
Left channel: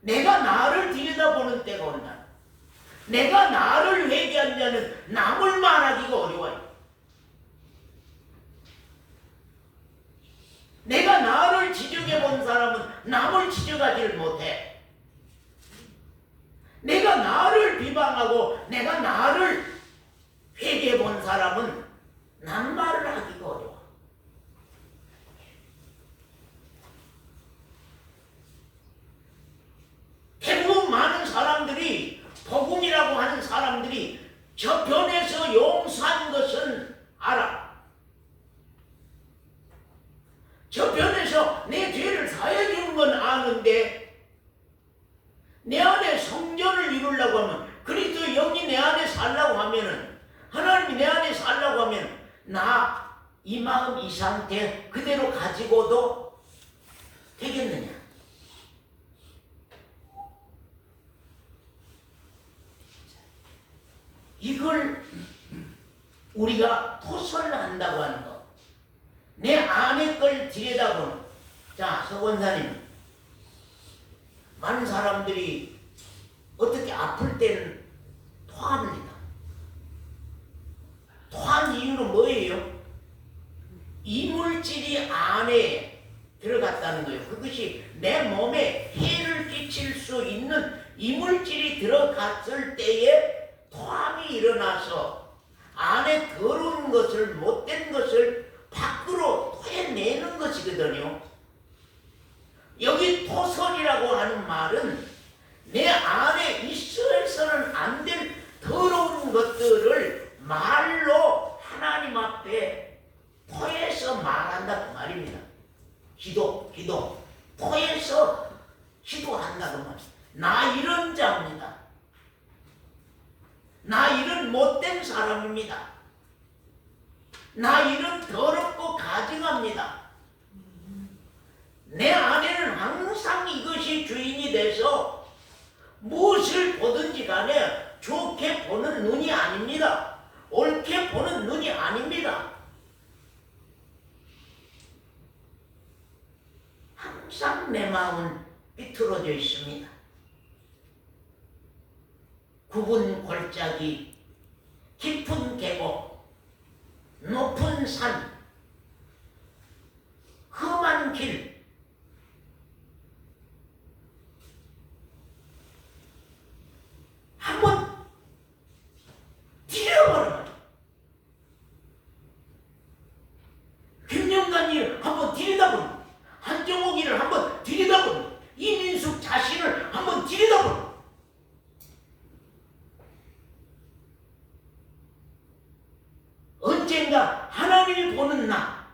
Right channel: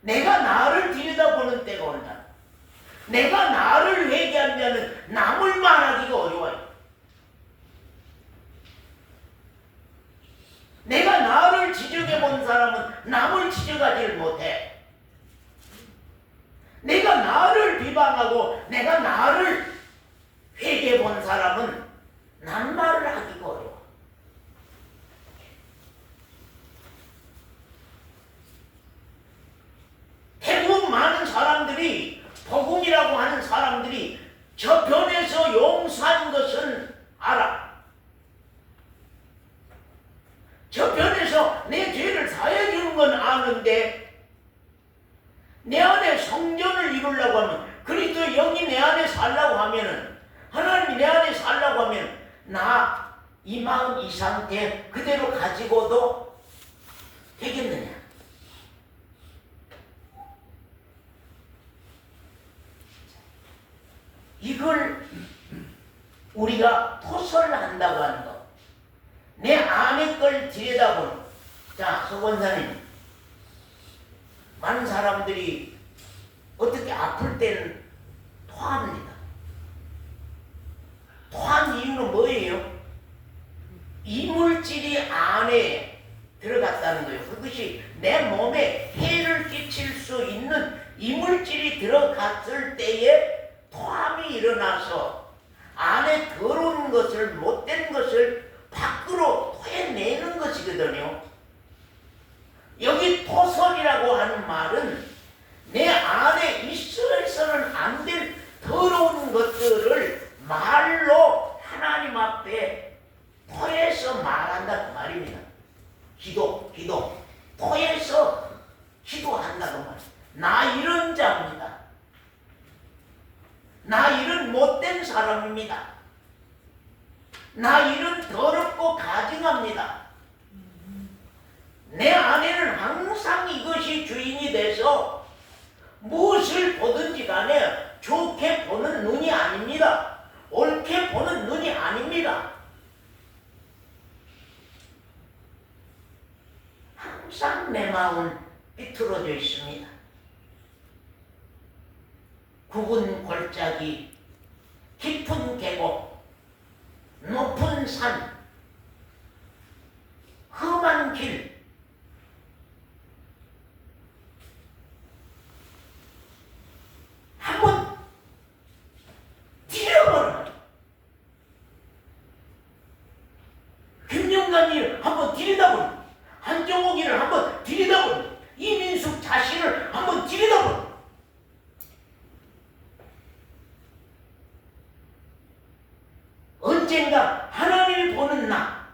내가 나를 들여다보는 때가 온다. 내가 나를 회개한 자는 남을 말하기가 어려워요. 내가 나를 지적해 본 사람은 남을 지적하지 못해. 내가 나를 비방하고 내가 나를 회개해 본 사람은 남말을 하기가 어려워. 대부분 많은 사람들이 복음이라고 하는 사람들이 저편에서 용서한 것은 알아. 저편에서 내 죄를 사해 주는 건 아는데 내 안에 성전을 이루려고 하면 그리스도의 영이 내 안에 살라고 하면은 하나님이 내 안에 살라고 하면 나 이 마음 이 상태 그대로 가지고도 되겠느냐? 이걸 우리가 토설한다고 하는 거. 내 안의 걸 들여다보는. 자, 서 권사님, 많은 사람들이 어떻게 아플 때는 토합니다. 토한 이유는 뭐예요? 이물질이 안에 들어갔다는 거예요. 그것이 내 몸에 해를 끼칠 수 있는 이물질이 들어갔을 때에 토함이 일어나서 안에 더러운 것을, 못된 것을 밖으로 토해내는 것이거든요. 여기 토설이라고 하는 말은 내 안에 있어서는 안 될 더러운 것들을 말로 하나님 앞에 토해서 말한다 그 말입니다. 기도 토해서 기도한다 그 말. 나 이런 자입니다. 나 이런 못된 사람입니다. 나 이런 더럽고 가증합니다. 내 안에는 항상 이것이 주인이 돼서 무엇을 보든지 간에 좋게 보는 눈이 아닙니다. 옳게 보는 눈이 아닙니다. 항상 내 마음은 삐뚤어져 있습니다. 굵은 골짜기, 깊은 계곡, 높은 산, 험한 길, 한번 들여버려요. 김영란이를 한번 들여다보는, 한정옥이를 한번 들여다보는, 이민숙 자신을 한번 들여다보는. 언젠가 하나님을 보는 나,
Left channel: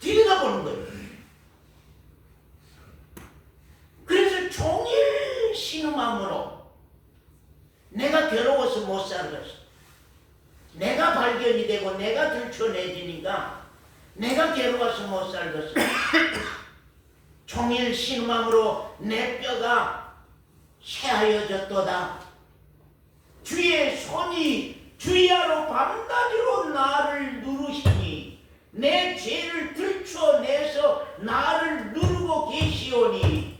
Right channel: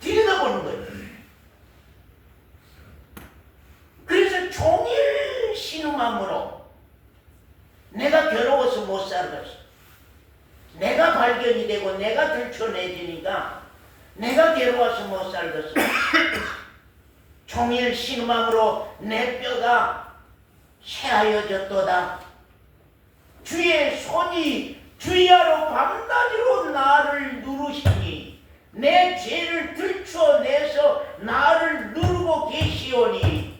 들여다보는 거예요. 그래서 종일 신음함으로 내가 괴로워서 못 살겠어. 내가 발견이 되고 내가 들춰내지니까 내가 괴로워서 못 살겠어. 종일 신음함으로 내 뼈가 쇠하여졌도다. 주의 손이 주야로 밤낮으로 나를 누르시니 내 죄를 들춰내서 나를 누르고 계시오니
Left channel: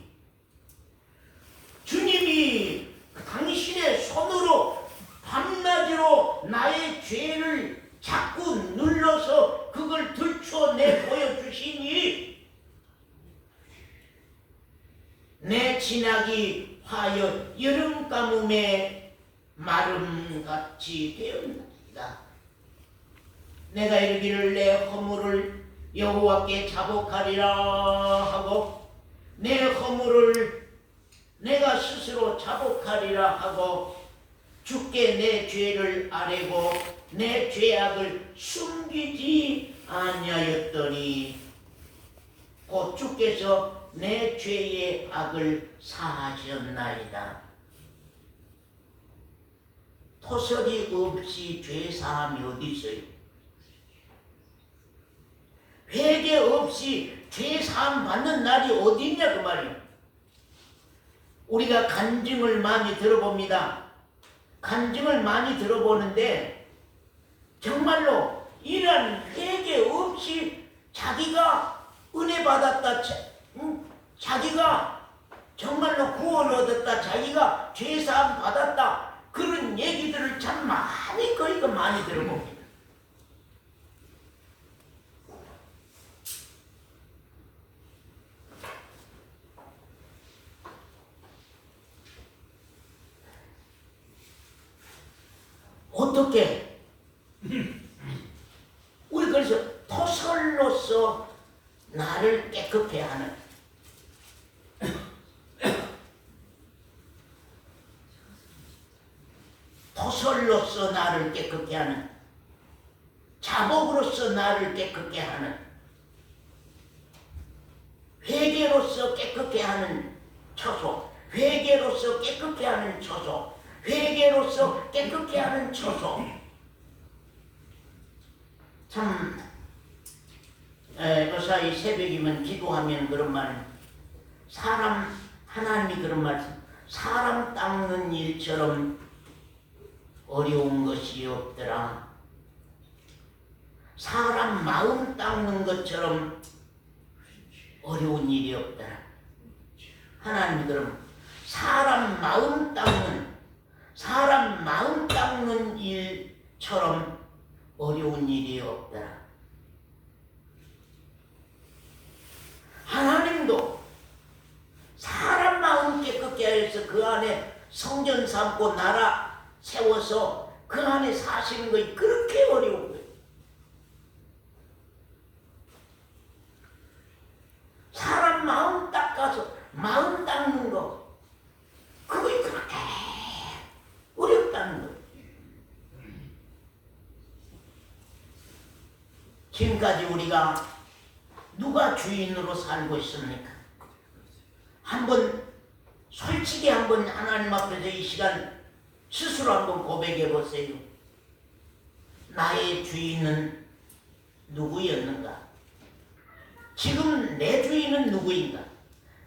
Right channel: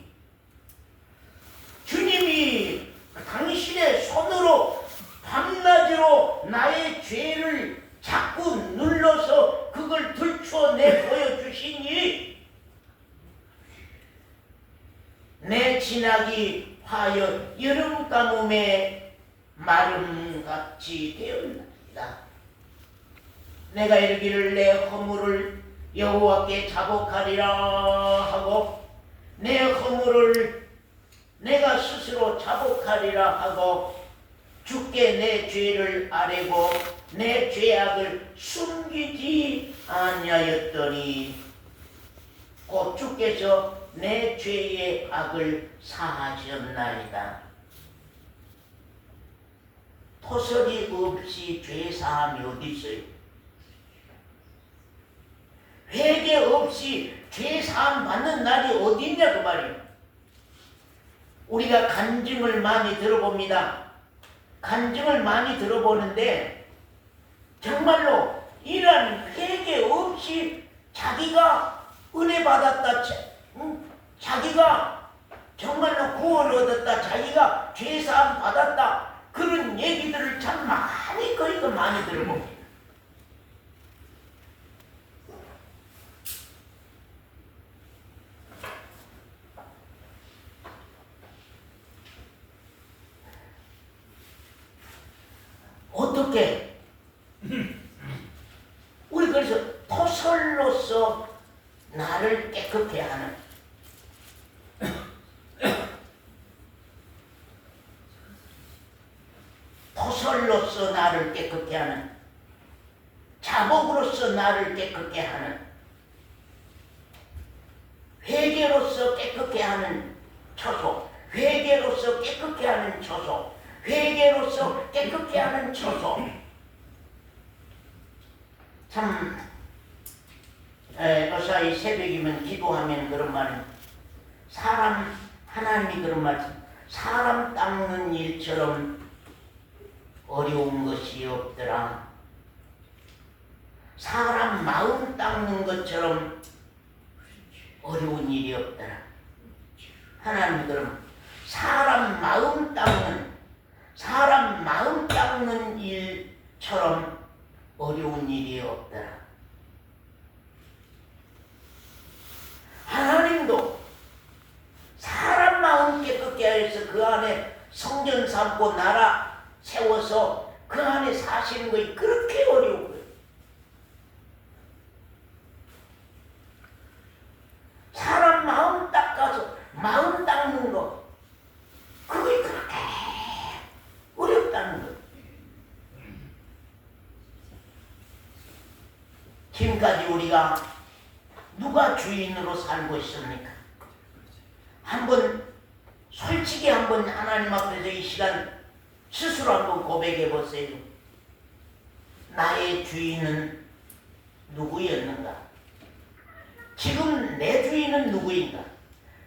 주님이 당신의 손으로 밤낮으로 나의 죄를 자꾸 눌러서 그걸 들춰내 보여주시니 내 진하기 화여 여름 가뭄에 마름같이 되었나이다. 내가 이르기를 내 허물을 여호와께 자복하리라 하고 내 허물을 내가 스스로 자복하리라 하고 주께 내 죄를 아뢰고 내 죄악을 숨기지 아니하였더니 곧 주께서 내 죄의 악을 사하셨나이다. 토설이 없이 죄 사함이 어디 있어요? 회개 없이 죄 사함 받는 날이 어디 있냐 그 말이에요. 우리가 간증을 많이 들어봅니다. 간증을 많이 들어보는데 정말로 이런 회개 없이 자기가 은혜 받았다, 자기가 정말로 구원 얻었다, 자기가 죄사함 받았다, 그런 얘기들을 참 많이 그리고 많이 들어봅니다. 어떻게? 우리 그래서 토설로서 나를 깨끗게 하는 토설로서 나를 깨끗게 하는 자복으로서 나를 깨끗게 하는 회개로서 깨끗게 하는 처소, 회개로서 깨끗게 하는 처소, 회개로서 깨끗게 하는 처소. 참 요사이 새벽이면 기도하면 그런 말, 사람 하나님이 그런 말씀, 사람 닦는 일처럼 어려운 것이 없더라. 사람 마음 닦는 것처럼 어려운 일이 없더라. 하나님들은 사람 마음 닦는 일처럼 어려운 일이 없더라. 하나님도 사람 마음 깨끗게 하여서 그 안에 성전 삼고 나라 세워서 그 안에 사시는 것이 그렇게 어려운 거예요. 사람 마음 닦아서 마음 닦는 거 그게 그렇게 어렵다는 거예요. 지금까지 우리가 누가 주인으로 살고 있습니까? 솔직히 한번 하나님 앞에서 이 시간 스스로 한번 고백해 보세요. 나의 주인은 누구였는가? 지금 내 주인은 누구인가?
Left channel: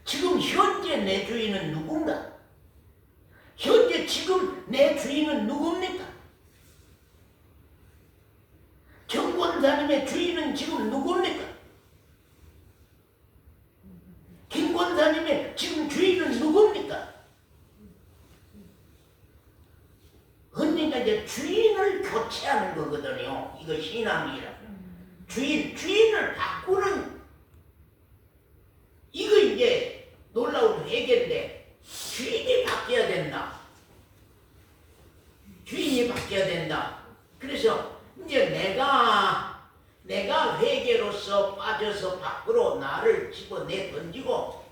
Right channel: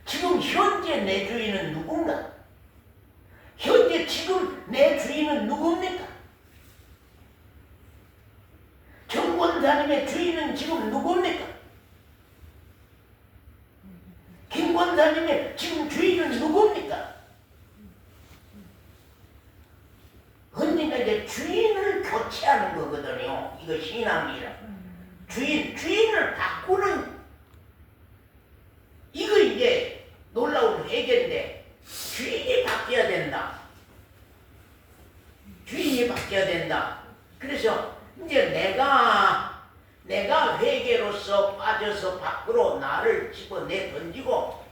지금 현재 내 주인은 누군가? 현재 지금 내 주인은 누굽니까? 정권사님의 주인은 지금 누굽니까? 김권사님의 지금 주인은 누굽니까? 언젠가 이제 주인을 교체하는 거거든요. 이거 신앙이라. 주인을 바꾸는 이거 이제 놀라운 회개인데 주인이 바뀌어야 된다. 주인이 바뀌어야 된다. 그래서 이제 내가 회개로서 빠져서 밖으로 나를 집어내 던지고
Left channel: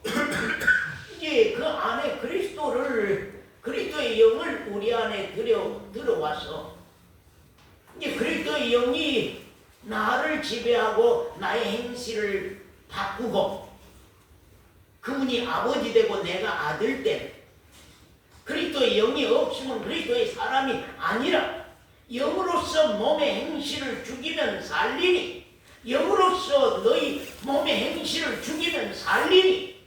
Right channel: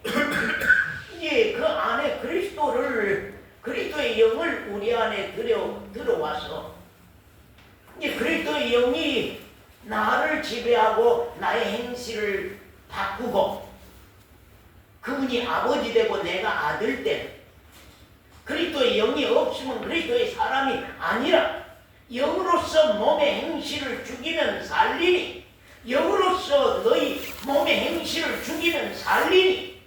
이제 그 안에 그리스도의 영을 우리 안에 들어와서 이제 그리스도의 영이 나를 지배하고 나의 행실을 바꾸고 그분이 아버지 되고 내가 아들 때 그리스도의 영이 없으면 그리스도의 사람이 아니라 영으로서 몸의 행실을 죽이면 살리니 영으로서 너희 몸의 행실을 죽이면 살리니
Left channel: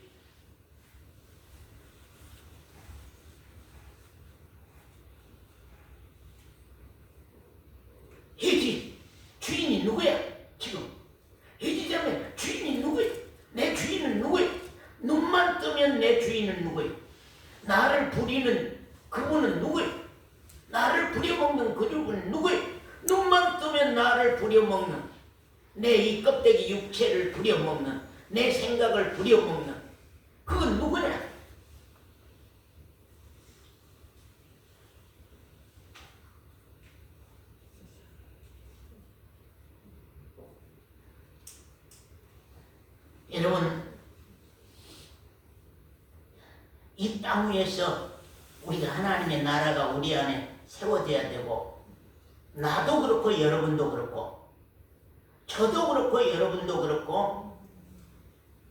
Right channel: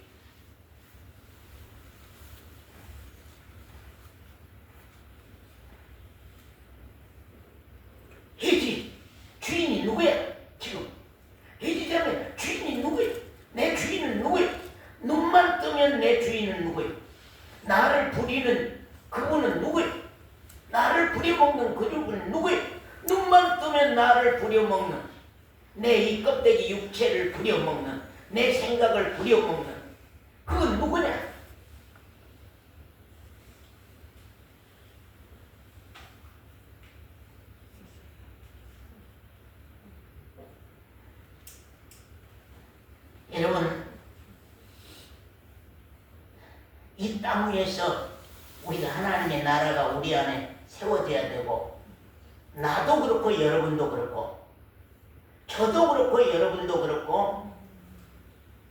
해지 주인이 누구야? 지금 해지자면 주인이 누구야? 내 주인은 누구야? 눈만 뜨면 내 주인은 누구야? 나를 부리는 그분은 누구야? 나를 부려먹는 그분은 누구야? 눈만 뜨면 나를 부려먹는 내 이 껍데기 육체를 부려먹는 내 생각을 부려먹는 그건 누구냐? 여러분 이 땅 위에서 우리가 하나님의 나라가 우리 안에 세워져야 되고 나도 그렇고 여러분도 그렇고 저도 그렇고 여러분도 그렇고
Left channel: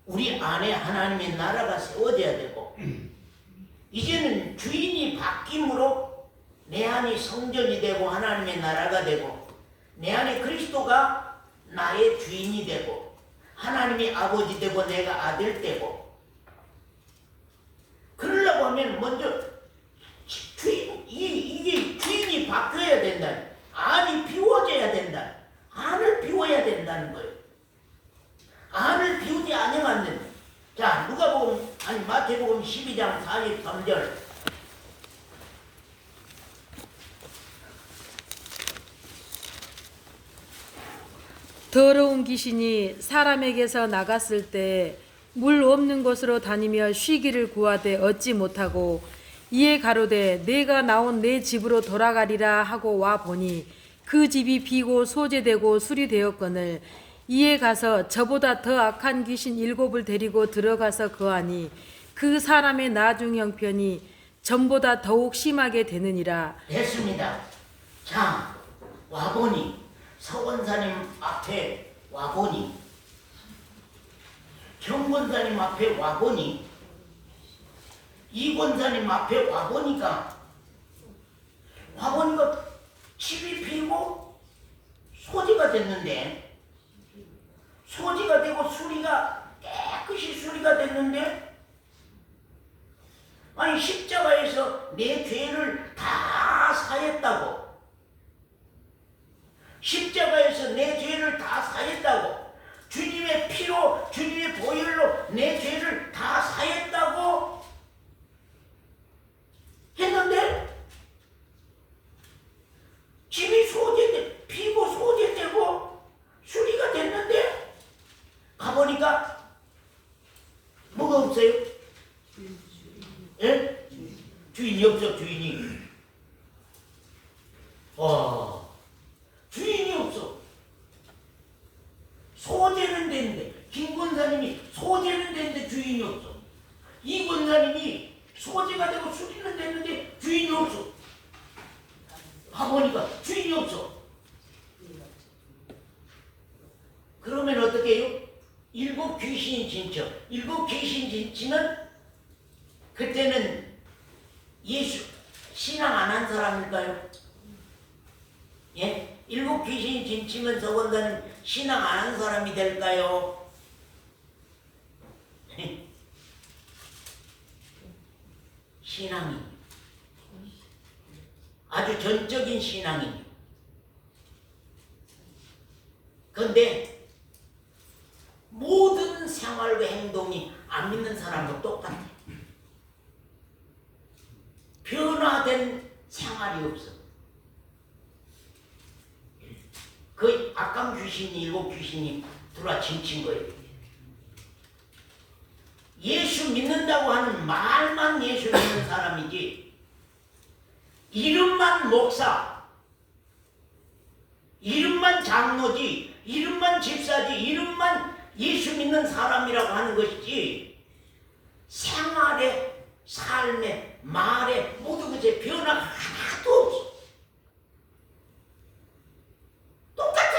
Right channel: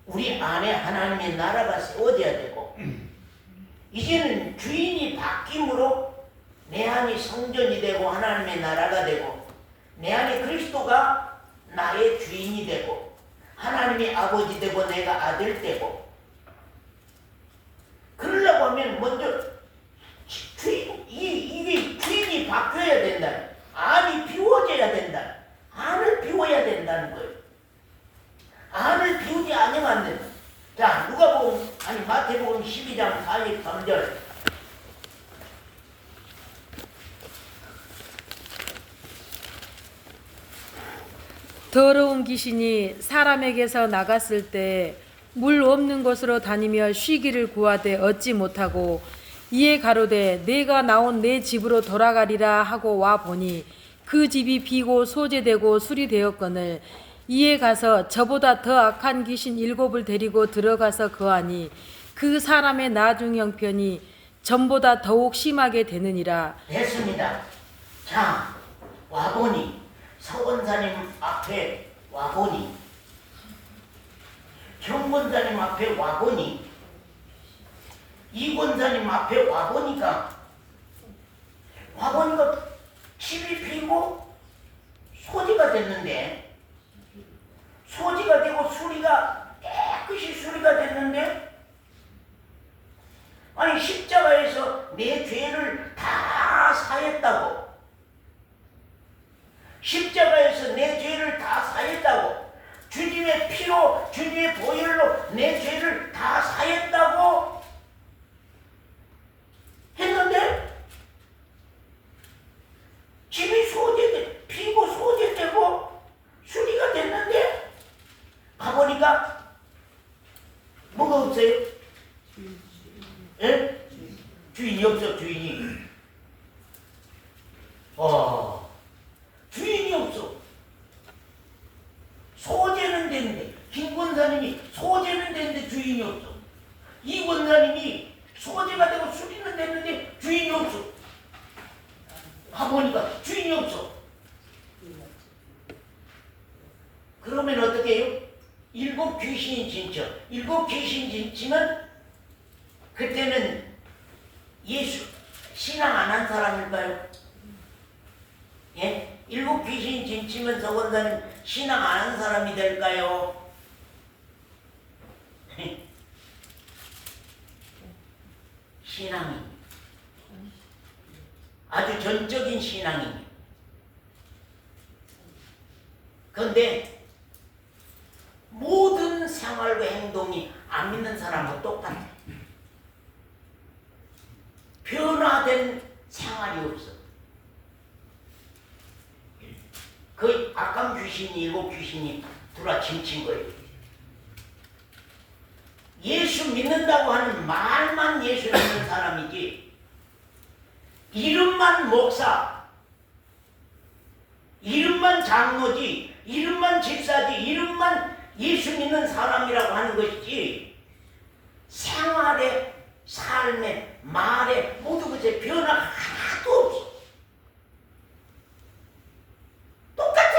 우리 안에 하나님의 나라가 세워져야 되고 이제는 주인이 바뀜으로 내 안이 성전이 되고 하나님의 나라가 되고 내 안에 그리스도가 나의 주인이 되고 하나님이 아버지 되고 내가 아들 되고 그러려고 하면 먼저 이게 주인이 바뀌어야 된다. 안이 비워져야 된다. 안을 비워야 된다는 거예요. 안을 비우지 않으면 안 된다. 자, 마태복음 12장 43절. 더러운 귀신이 사람에게서 나갔을 때 물 없는 곳으로 다니며 쉬기를 구하되 얻지 못하고 이에 가로되 내가 나온 내 집으로 돌아가리라 하고 와 보니 그 집이 비고 소재되고 술이 되었거늘 이에 가서 저보다 더 악한 귀신 7을 데리고 들어가서 거하니 그 사람의 나중 형편이 전보다 더욱 심하게 되느니라. 됐습니다. 자, 와보니 서원사님 앞에 와보니 정권사님 앞에 와보니 이권사님 앞에 와보니까 집이 비고 소지가 됐는데 소지가 되고 깨끗이 수리가 됐는데 아니 십자가에서 내 죄를 다 사했다고 십자가에서 내 죄를 다 사했다고 주님의 피 피로 주님의 보혈로 내 죄를 다 사했다고 했는데 집이 소재돼 피고 소재되고 수리가 됐는데 가보니까 뭐가 없어요? 예? 주인이 없어. 주인이 주인이 없어. 소재는 되는데 김 권사님이 소재는 되는데 주인이 없어. 이 권사님이 소재가 되고 수리는 되는데 주인이 없어. 가보니까 주인이 없어. 그러면 어떻게 해요? 일곱 귀신 진처. 일곱 귀신 진치는 그때는 예수 신앙 안 한 사람일까요? 예? 일곱 귀신 진치면 저건다는 신앙 안 한 사람이 될까요? 신앙이 아주 전적인 신앙입니다. 그런데 모든 생활과 행동이 안 믿는 사람과 똑같아. 변화된 생활이 없어. 그 악감 귀신이 일곱 귀신이 들어와 침친 거예요. 예수 믿는다고 하는 말만 예수 믿는 사람이지 이름만 목사, 이름만 장로지, 이름만 집사지, 이름만 예수 믿는 사람이라고 하는 것이지 생활에, 삶에, 말에 모두 그제 변화가 하나도 없어. 똑같아.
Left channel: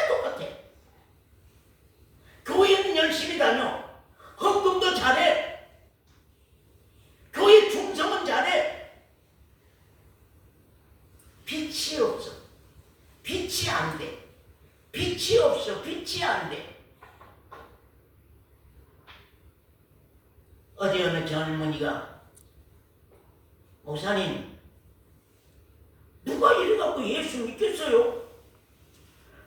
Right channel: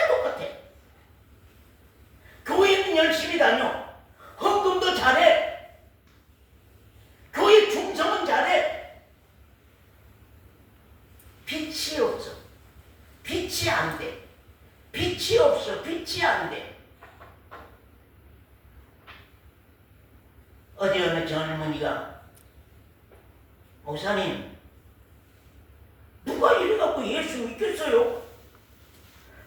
교회는 열심히 다녀. 헌금도 잘해. 교회 충성은 잘해. 빛이 없어. 빛이 안 돼. 빛이 없어. 빛이 안 돼. 어디 어느 젊은이가 목사님 누가 이래갖고 예수 믿겠어요?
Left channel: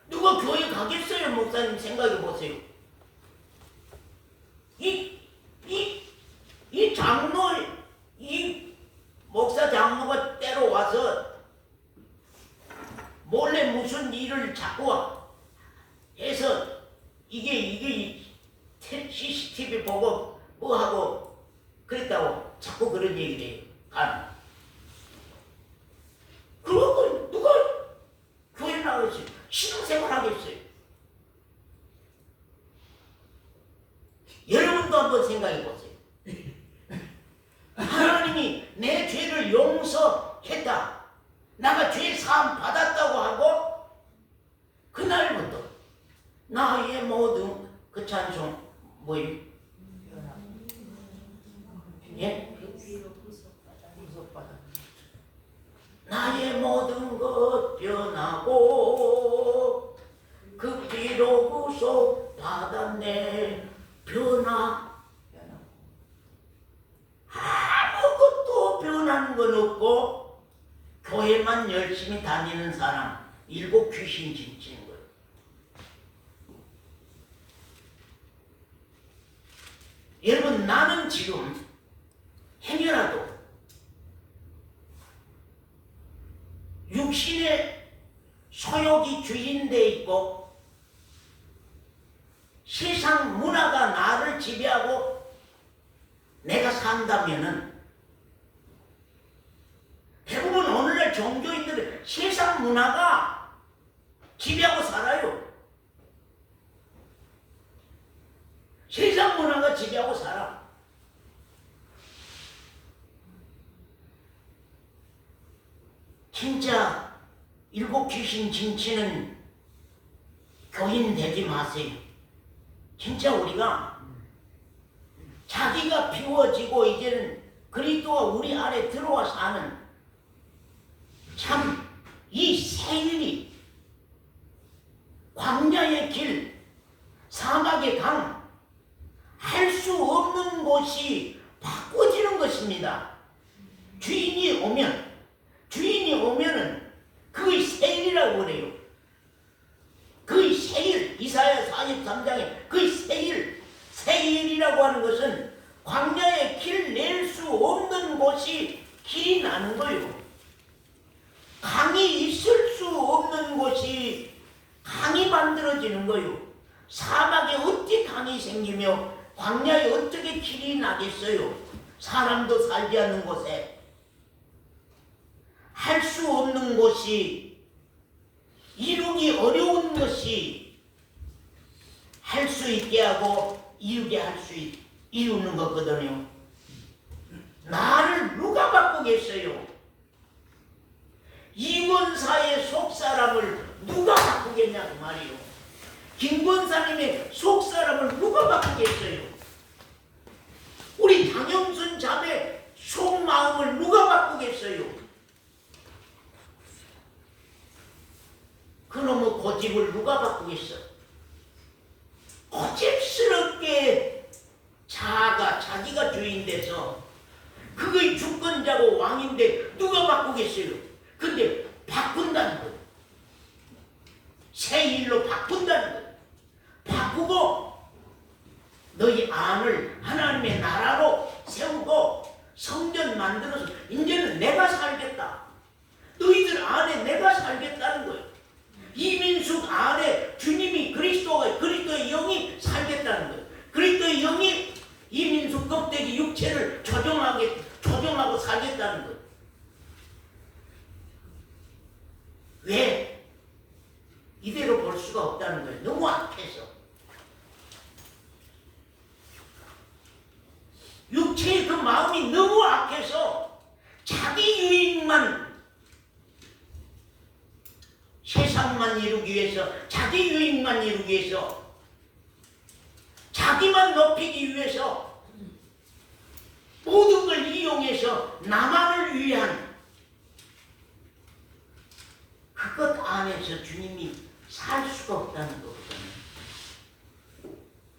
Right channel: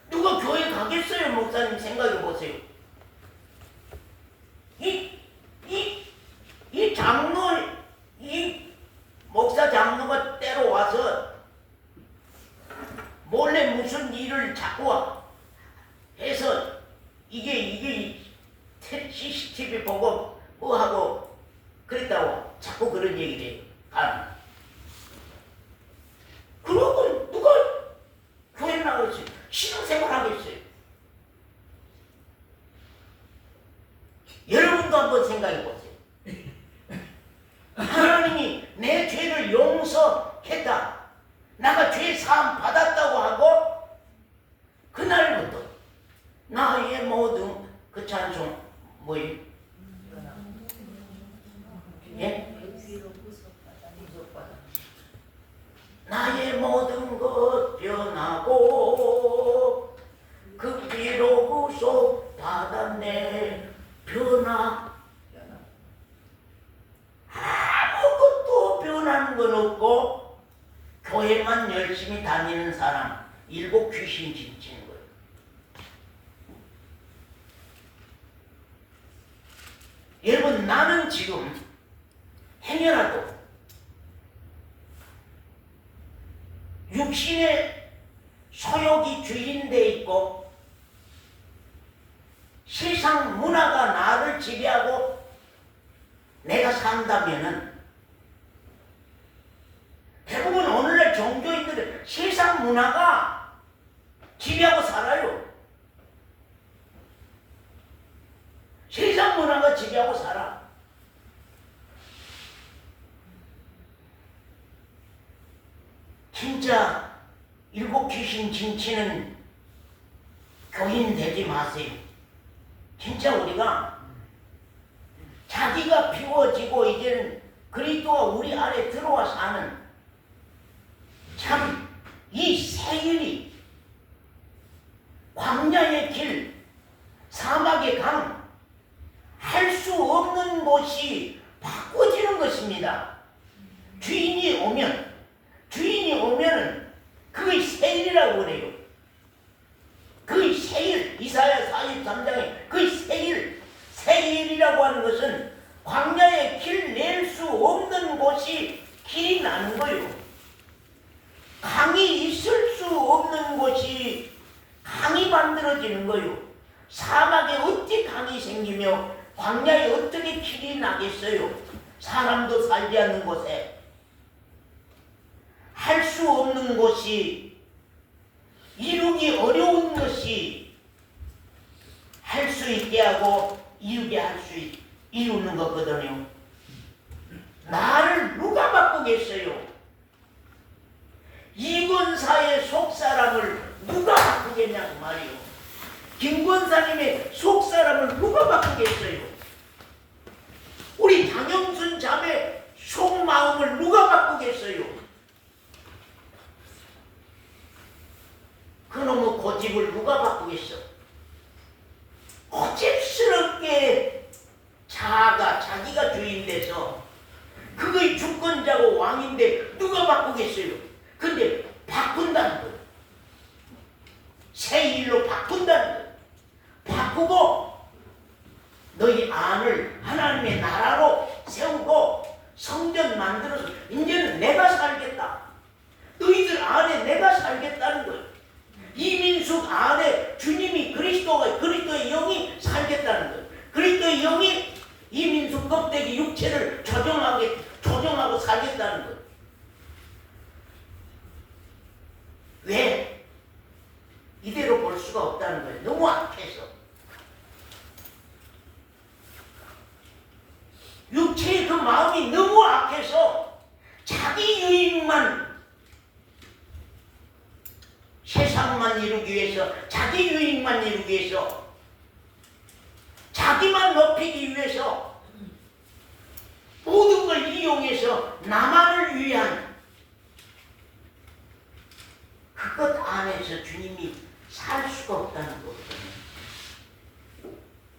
누가 교회 가겠어요? 목사님 생각해 보세요. 이 장로, 이 목사 장로가 때로 와서 몰래 무슨 일을 자꾸 해서 이게 CCTV 보고 뭐 하고 그랬다고 자꾸 그런 얘기를 해요. 그러고 누가 교회 나가겠어요? 신앙생활 하겠어요? 여러분도 한번 생각해 보세요. 하나님이 내 죄를 용서했다. 나가 죄 사함 받았다고 하고 그날부터 나의 모든 그 찬송 뭐예요? 예? 나의 모든 것 변하고 그 피로 구속 받았네. 변화 아무것도 변하는 건 없고 교회만 열심히 다니는 사람 일곱 귀신 진치는 거예요. 여러분 나는 지금 행여라도 육신의 소욕이 주인돼 있고 세상 문화가 나를 지배하고 내가 산다면은 대부분 오늘날 종교인들은 세상 문화가 지배하고 살아요. 세상 문화가 지배하고 살아. 진짜 일곱 귀신 진치는 교인 되지 마세요. 진짜 우리가 자기가 비워지고 이제는 그리스도가 우리 안에 들어와 사는 참 이 세일이 광야의 길, 사막의 강, 할 수 없는 곳이 바꿔지는 것입니다. 주인이 오면은 그의 세일이라고 그래요. 그의 세일, 이사야 43장에 그의 세일, 세일이라고 하는 것은 광야에 길 낼 수 없는 곳이 길이 나는 거요. 강이 있을 수 없는 곳이 강이 만들어지는 거요. 사막에 어찌 강이 생기며 광야에 어떻게 길이 나겠어요? 사람도 살지 않는 곳에 할 수 없는 곳이, 이루기 어려운 것이 할 수 있게 하고 이루게 이루는 거거든요. 나를 누가 바꾸겠어요? 이권사의 속사람을 누가 바꾸겠냐고 말이요. 김권사님의 속사람을 누가 바꾸겠어요? 우리 장영순 자매 속마음을 누가 바꾸겠어요? 그놈의 고집을 누가 바꾸겠어? 고집스럽게 자기가 주인 돼서 그거의 주권자고 왕인데 누가 바꾸겠어요? 근데 바꾼다는 거, 새 일로 바꾼다는 거, 바꾸고 너희 안을 하나님의 나라로 세우고 성전 만들어서 이제는 내가 살겠다. 너희들 안에 내가 살겠다는 거예요. 이민숙 안에 주님이 그리스도의 영이 살겠다는 거예요. 그리스도의 영이 이민숙 껍데기 육체를 조정하고 살겠다는 거예요. 왜? 이대로 볼 수가 없다는 거예요. 너무 악해서. 육체의 그 마음이 너무 악해서 자기 유익만, 세상만 이루기 위해서, 자기 유익만 이루기 위해서, 자기만 높이기 위해서 모든 걸 이용해서 나만을 위한 그것 안에서 주님이 살 수가 없다는 거거든요.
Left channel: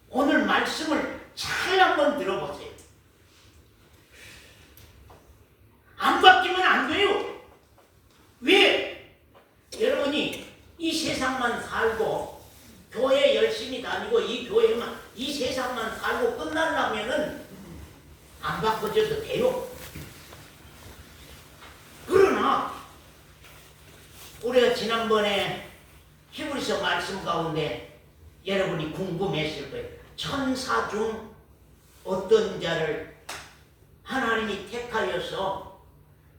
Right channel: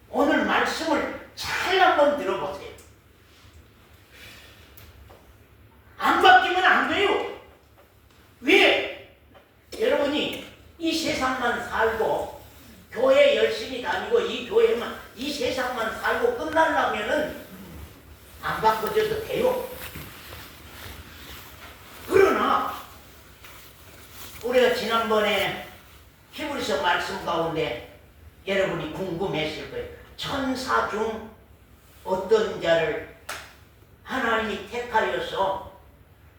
오늘 말씀을 잘 한번 들어보세요. 안 바뀌면 안 돼요. 왜? 여러분이 이 세상만 살고 교회 열심히 다니고 이 세상만 살고 끝나려면은 안 바꿔줘도 돼요. 그러나 우리가 지난번에 히브리서 말씀 가운데 여러분이 궁금했을 거예요. 천사 중 어떤 자를 하나님이 택하여서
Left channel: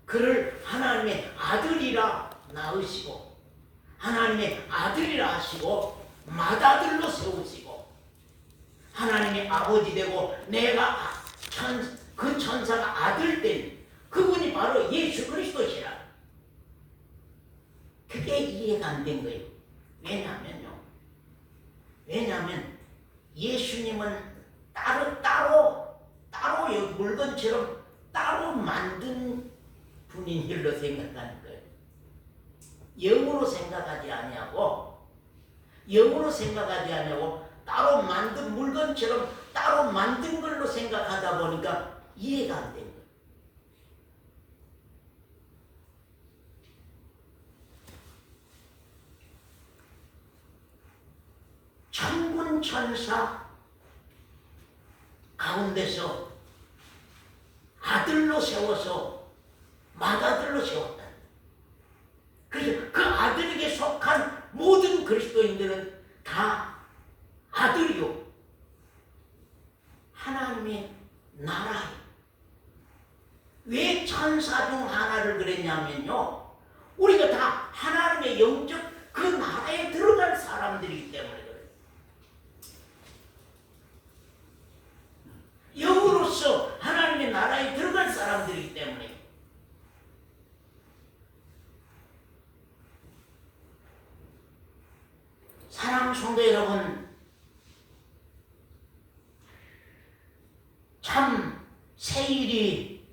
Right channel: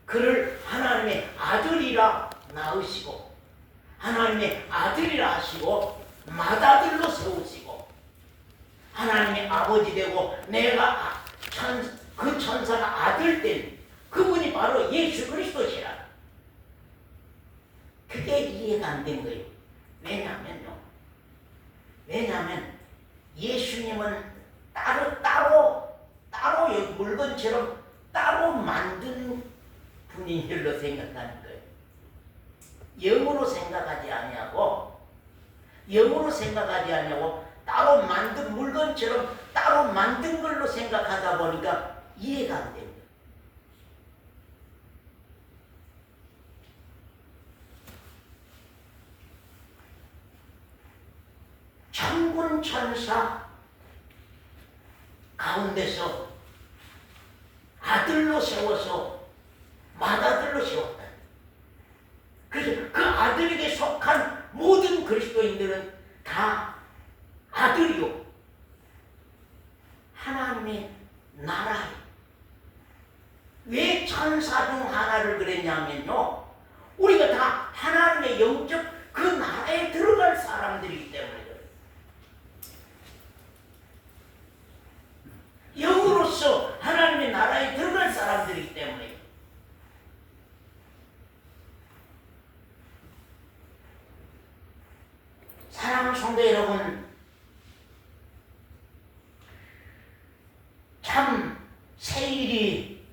그를 하나님의 아들이라 낳으시고 하나님의 아들이라 하시고 맏아들로 세우시고 하나님의 아버지 되고 내가 그 천사가 아들 된 그분이 바로 예수 그리스도시라. 그게 이해가 안 된 거예요. 왜냐하면 예수님은 따로 물건처럼 따로 만든 분인 줄로 생각하는 거예요. 영으로 생각하지 아니하고 따로 만든 물건처럼 따로 만든 걸로 생각하다 보니까 이해가 안 돼요. 천군 천사 가운데서 아들로 세워서 맏아들로 세웠다. 그래서 그 아들에게 속한 모든 그리스도인들은 다 아들이요 하나님의 나라에. 왜 천사 중 하나를 그랬냐면요, 우리가 다 하나님의 영적 그 나라에 들어갈 사람들이기 때문에 그래요. 영으로서 하나님의 나라에 들어갈 사람들이기 때문에. 사랑하는 성도 여러분, 참 새 일이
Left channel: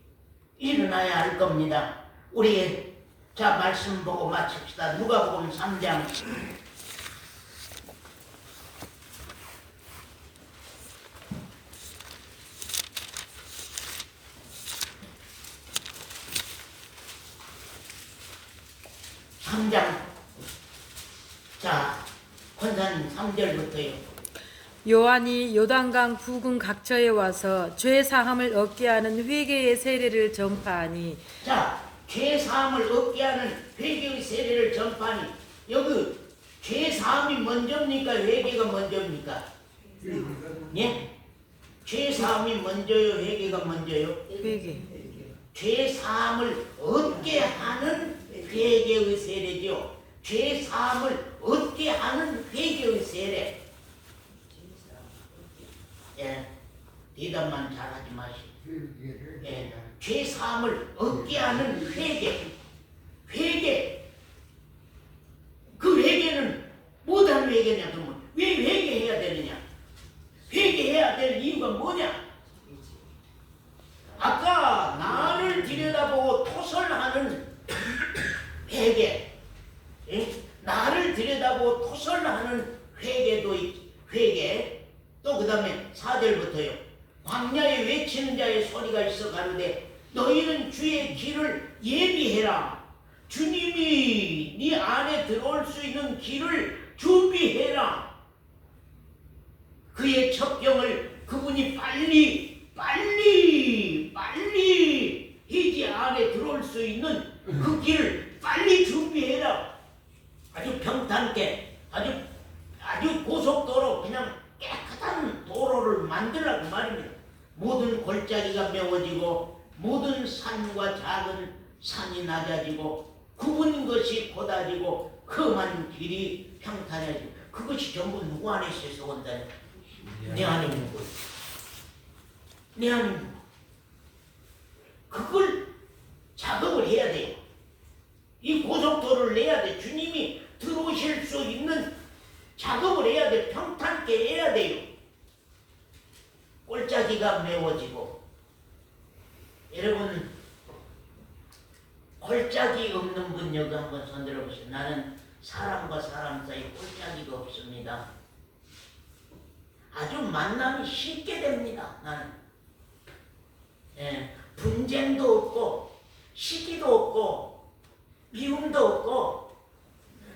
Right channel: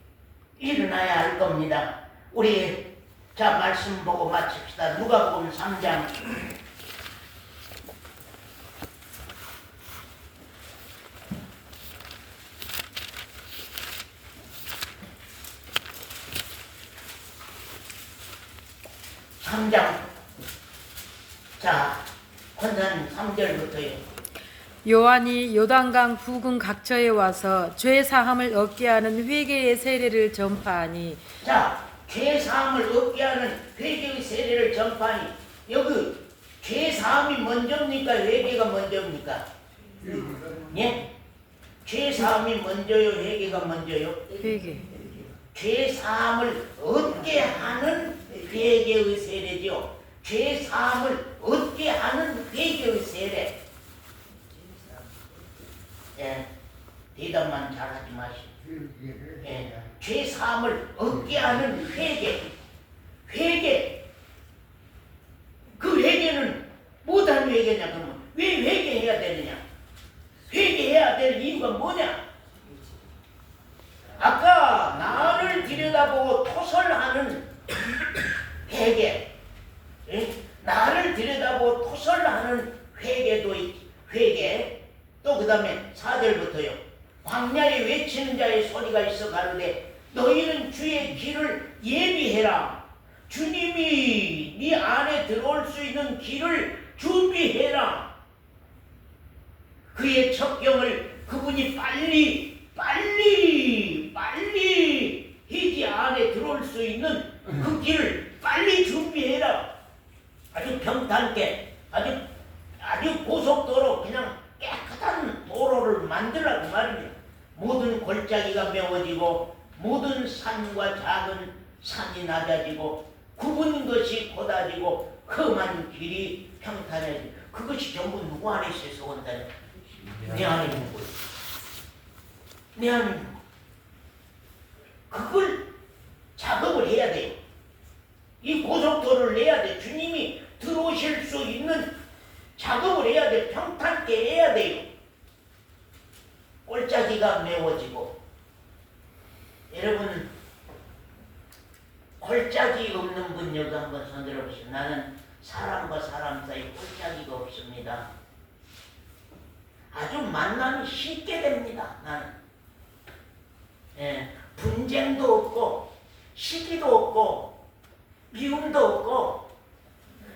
일어나야 할 겁니다. 우리 자 말씀 보고 마칩시다. 누가복음 3장 3장 자 권사님 3절부터요. 요한이 요단강 부근 각처에 와서 죄 사함을 얻게 하는 회개의 세례를 전파하니 자, 죄 사함을 얻게 하는 회개의 세례를 전파하니 여기 죄 사함이 먼저입니까? 회개가 먼저입니까? 예? 죄 사함이 먼저요? 회개가 먼저요? 회개. 죄 사함을 얻게 하는 회개의 세례죠. 죄 사함을 얻게 하는 회개의 세례. 예, 대답만 잘하지 마시고. 예, 죄 사함을 얻게 하는 회개. 회개. 그 회개는 못한 회개냐 그러면 왜 회개해야 되느냐? 회개해야 될 이유가 뭐냐? 아까 나를 들여다보고 토설하는 회개, 예? 나를 들여다보고 토설하는 회개, 또 그 다음에 4절부터요. 광야에 외치는 자의 소리가 있어 가로되 너희는 주의 길을 예비해라. 주님이 네 안에 들어올 수 있는 길을 준비해라. 그의 첩경을 그분이 빨리 희지 안에 들어올 수 있는 그 길을 빨리 준비해라. 아주 평탄하게 아주 고속도로 그냥 깨끗한 도로를 만들라고 말입니다. 모든 골짜기가 메워지고 모든 산과 작은 산이 낮아지고 굽은 것이 곧아지고 험한 길이 평탄해지고 그것이 전부 누구 안에 있어서 온다는 내 안에 있는 거예요. 내 안에 있는 거. 그걸 작업을 해야 돼요. 이 고속도로를 내야 돼. 주님이 들어오실 수 있는 작업을 해야 돼. 평탄하게 해야 돼요. 골짜기가 메워지고 여러분 골짜기 없는 분 여기 한번 손들어 보시죠. 나는 사람과 사람 사이 골짜기가 없습니다. 아주 만남이 쉽게 됩니다. 나는 분쟁도 없고 시기도 없고 미움도 없고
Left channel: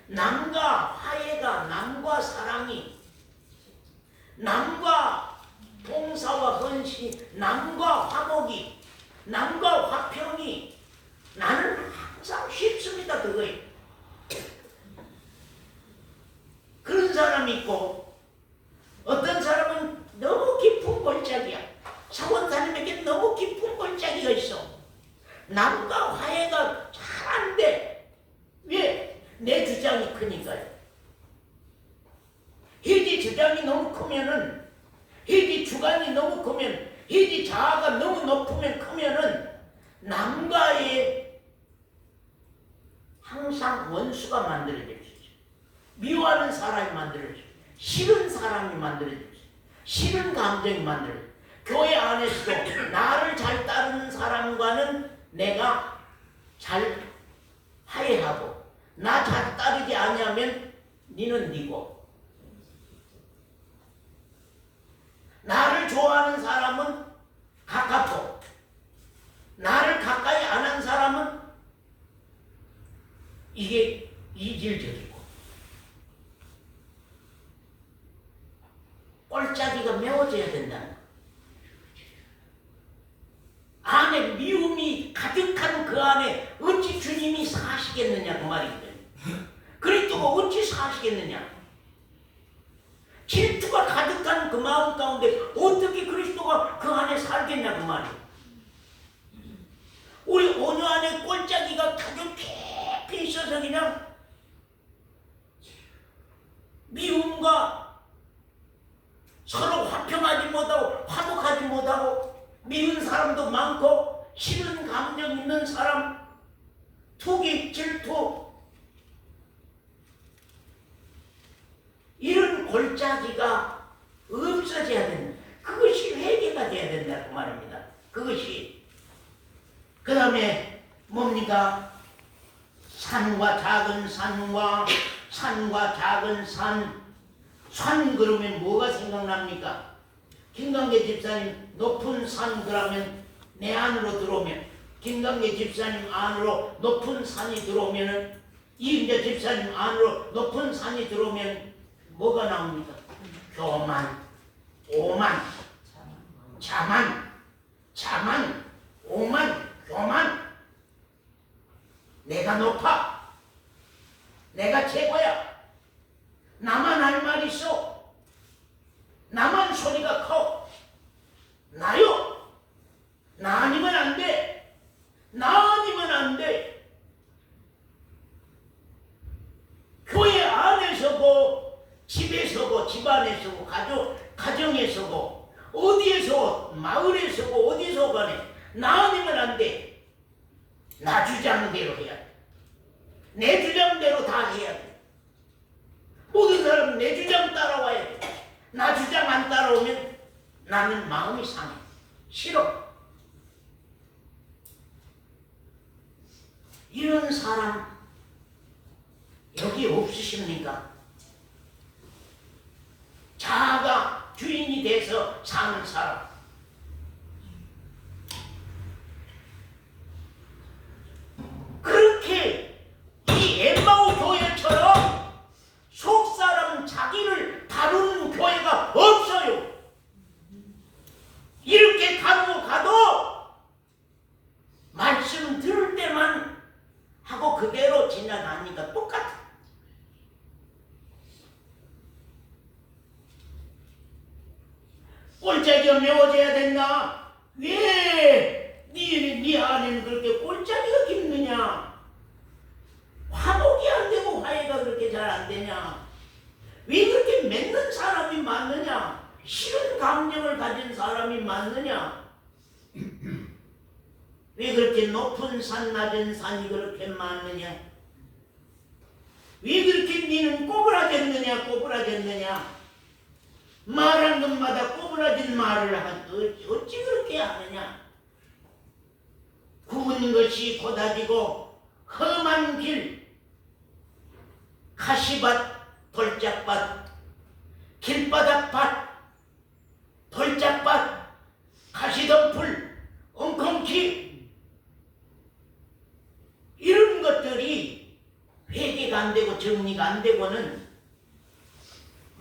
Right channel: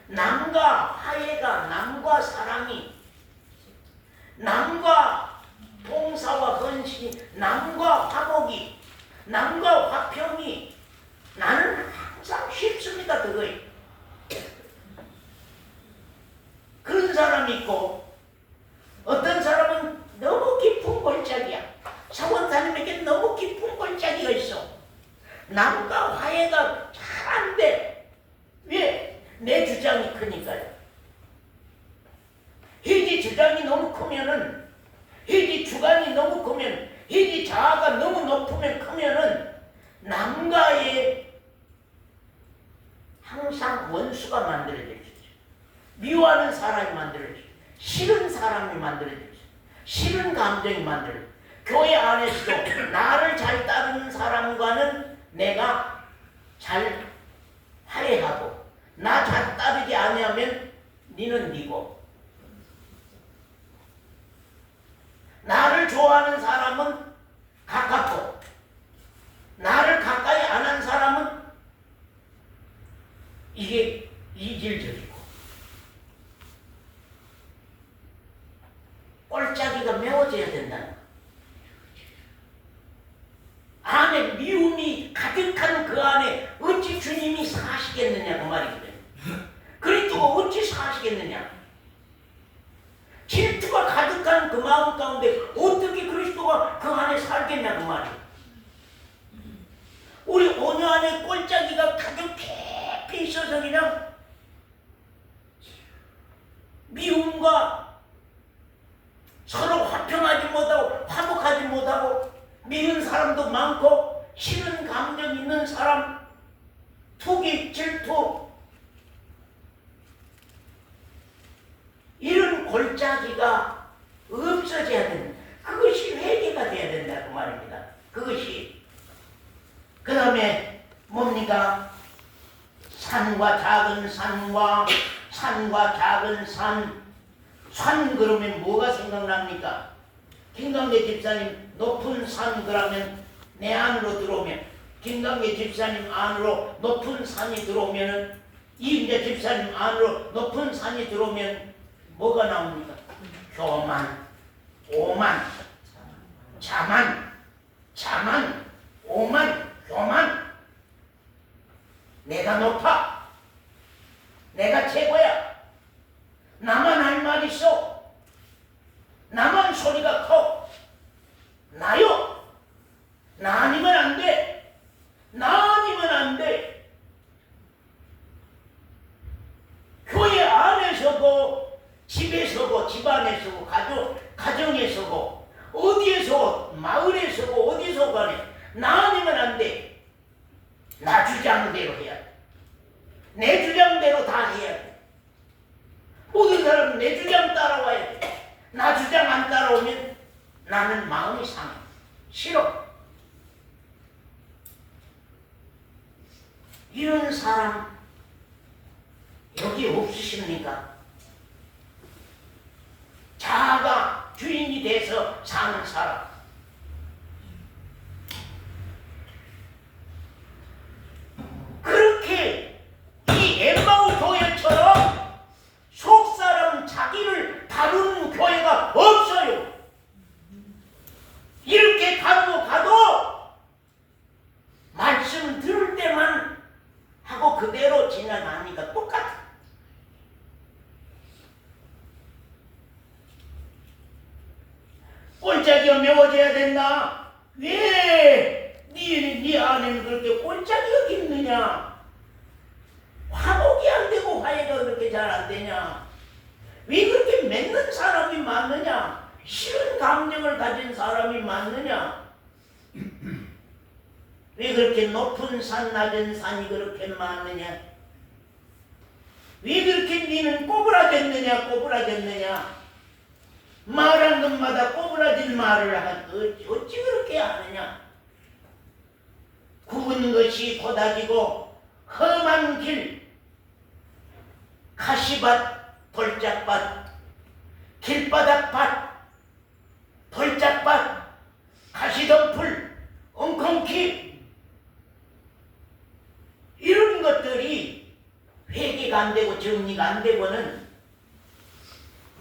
남과 화해가 남과 사랑이 남과 봉사와 헌신이 남과 화목이 남과 화평이 나는 항상 쉽습니다. 그거예요. 그런 사람이 있고 어떤 사람은 너무 깊은 골짜기야. 사원사님에게 너무 깊은 골짜기가 있어. 남과 화해가 잘 안 돼. 왜? 내 주장이 크니까요. 회지 주장이 너무 크면은 회지 주관이 너무 크면 회지 자아가 너무 높으면 크면은 남과의 항상 원수가 만들어질 수 있어요. 미워하는 사람이 만들어질 수 있어요. 싫은 사람이 만들어질 수 있어요. 싫은 감정이 만들어질 수 있어요. 교회 안에서도 나를 잘 따르는 사람과는 내가 잘 화해하고 나 잘 따르지 아니하면 니는 니고 나를 좋아하는 사람은 가깝고 나를 가까이 안 한 사람은 이게 이질적이고 골짜기가 메워져야 된다는 거예요. 안에 미움이 가득한 그 안에 어찌 주님이 사시겠느냐 그 말이거든요. 그리스도가 어찌 사시겠느냐. 질투가 가득한 그 마음 가운데 어떻게 그리스도가 그 안에 살겠냐 그 말이에요. 우리 온유 안에 골짜기가 가득 깊이 있어서 그냥 미움과 서로 화평하지 못하고 화목하지 못하고 미운 사람도 많고 싫은 감정 있는 사람 투기 질투 이런 골짜기가 없어져야 되는 그것이 회개가 돼야 된다 그 말입니다. 그것이 그 다음에 뭡니까? 산과 작은 산과 작은 산 그러면 뭐가 생각납니까? 김강재 집사님 높은 산 그러면 내 안으로 들어오면 김강재 집사님 안으로 높은 산이 들어오면 이임재 집사님 안으로 높은 산이 들어오면 뭐가 나옵니까? 교만, 오만, 자만, 오만, 교만. 내가 높아. 내가 최고야. 나만 할 말 있어. 나만 소리가 커. 나요. 나 아니면 안 돼. 나 아니면 안 돼. 교회 안에서고 집에서고 집안에서고 가정에서고 어디에서 마을에서고 어디서 간에 나 아니면 안 돼. 나 주장대로 해야 돼. 내 주장대로 다 해야 돼. 모든 사람은 내 주장 따라와야 돼. 나 주장 안 따라오면 나는 마음이 상해. 싫어. 이런 사람 여기 없으십니까? 자아가 주인이 돼서 사는 사람. 그렇게 이 엠마오 교회처럼 속사람 자기를 다루는 교회가 없어요. 이렇게 다루고 가도 말씀 들을 때만 하고 그대로 지나가니까 똑같아. 꼴짝이가 메워져야 된다. 왜 네 안에는 그렇게 꼴짝이가 있느냐? 화목이 안 되고 화해가 그렇게 잘 안 되냐? 왜 그렇게 맺는 사람이 많느냐? 싫은 감정을 가진 사람이 많느냐? 왜 그렇게 높은 산 낮은 산이 그렇게 많느냐? 왜 그렇게 니는 꼬부라졌느냐? 말한 것마다 꼬부라진 말을 하지 어찌 그렇게 하느냐? 굽은 것이 고다지고 험한 길, 가시밭, 돌짝밭, 길바닥밭, 돌짝밭, 가시덤불, 엉겅퀴 이런 것들이 회개가 안 되고 정리가 안 되고는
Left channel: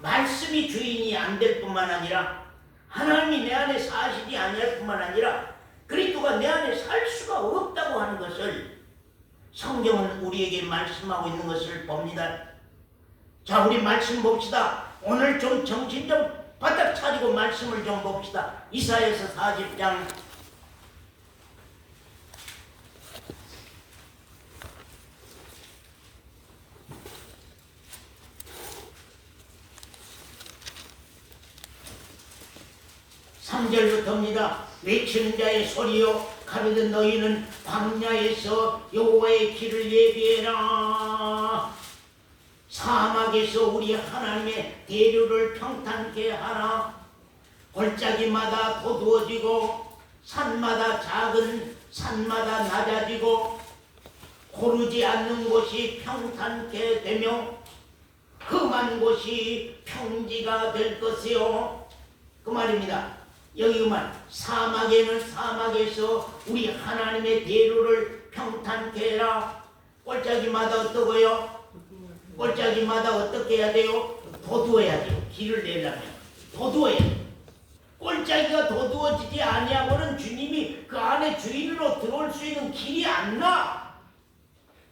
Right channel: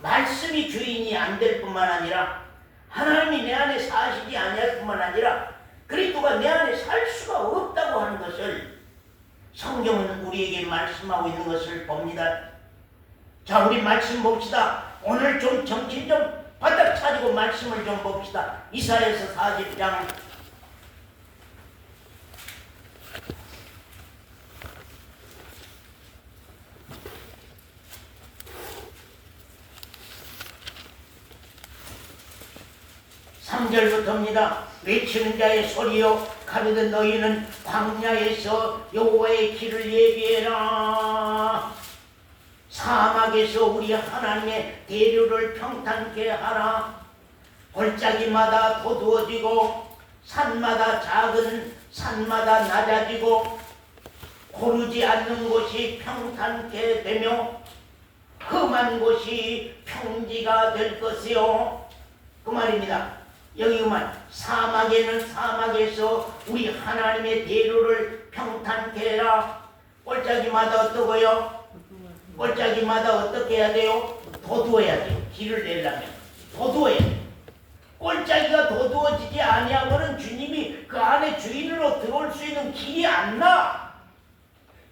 말씀이 주인이 안 될 뿐만 아니라 하나님이 내 안에 사시지 아니할 뿐만 아니라 그리스도가 내 안에 살 수가 없다고 하는 것을 성경은 우리에게 말씀하고 있는 것을 봅니다. 자, 우리 말씀 봅시다. 오늘 좀 정신 좀 바닥 차리고 말씀을 좀 봅시다. 이사야서 40장 3절부터입니다. 외치는 자의 소리여 가르되 너희는 광야에서 여호와의 길을 예비해라. 사막에서 우리 하나님의 대류를 평탄케 하라. 골짜기마다 도두어지고 산마다 작은 산마다 낮아지고 고르지 않는 곳이 평탄케 되며 험한 곳이 평지가 될 것이요. 그 말입니다. 여기만 사막에는 사막에서 우리 하나님의 대로를 평탄케 해라. 골짜기마다 어떠고요? 골짜기마다 어떻게 해야 돼요? 도두어야 돼요. 길을 내려면 도두어야 돼요. 골짜기가 도두어지지 아니하고는 주님이 그 안에 주인으로 들어올 수 있는 길이 안 나.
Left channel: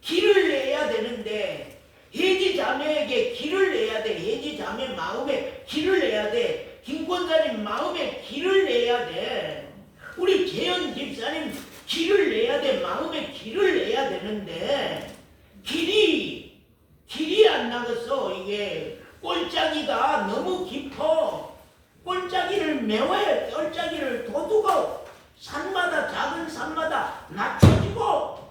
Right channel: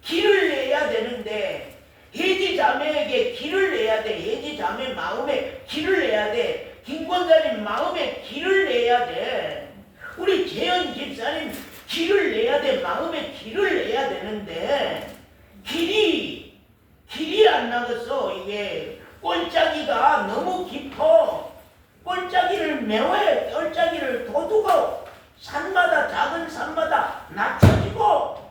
길을 내야 되는데 해지 자매에게 길을 내야 돼. 해지 자매 마음에 길을 내야 돼. 김권자님 마음에 길을 내야 돼. 우리 재현 집사님 길을 내야 돼. 마음에 길을 내야 되는데 길이 안 나가서 이게 골짜기가 너무 깊어. 골짜기를 메워야 골짜기를 도두고 산마다 작은 산마다 낮춰지고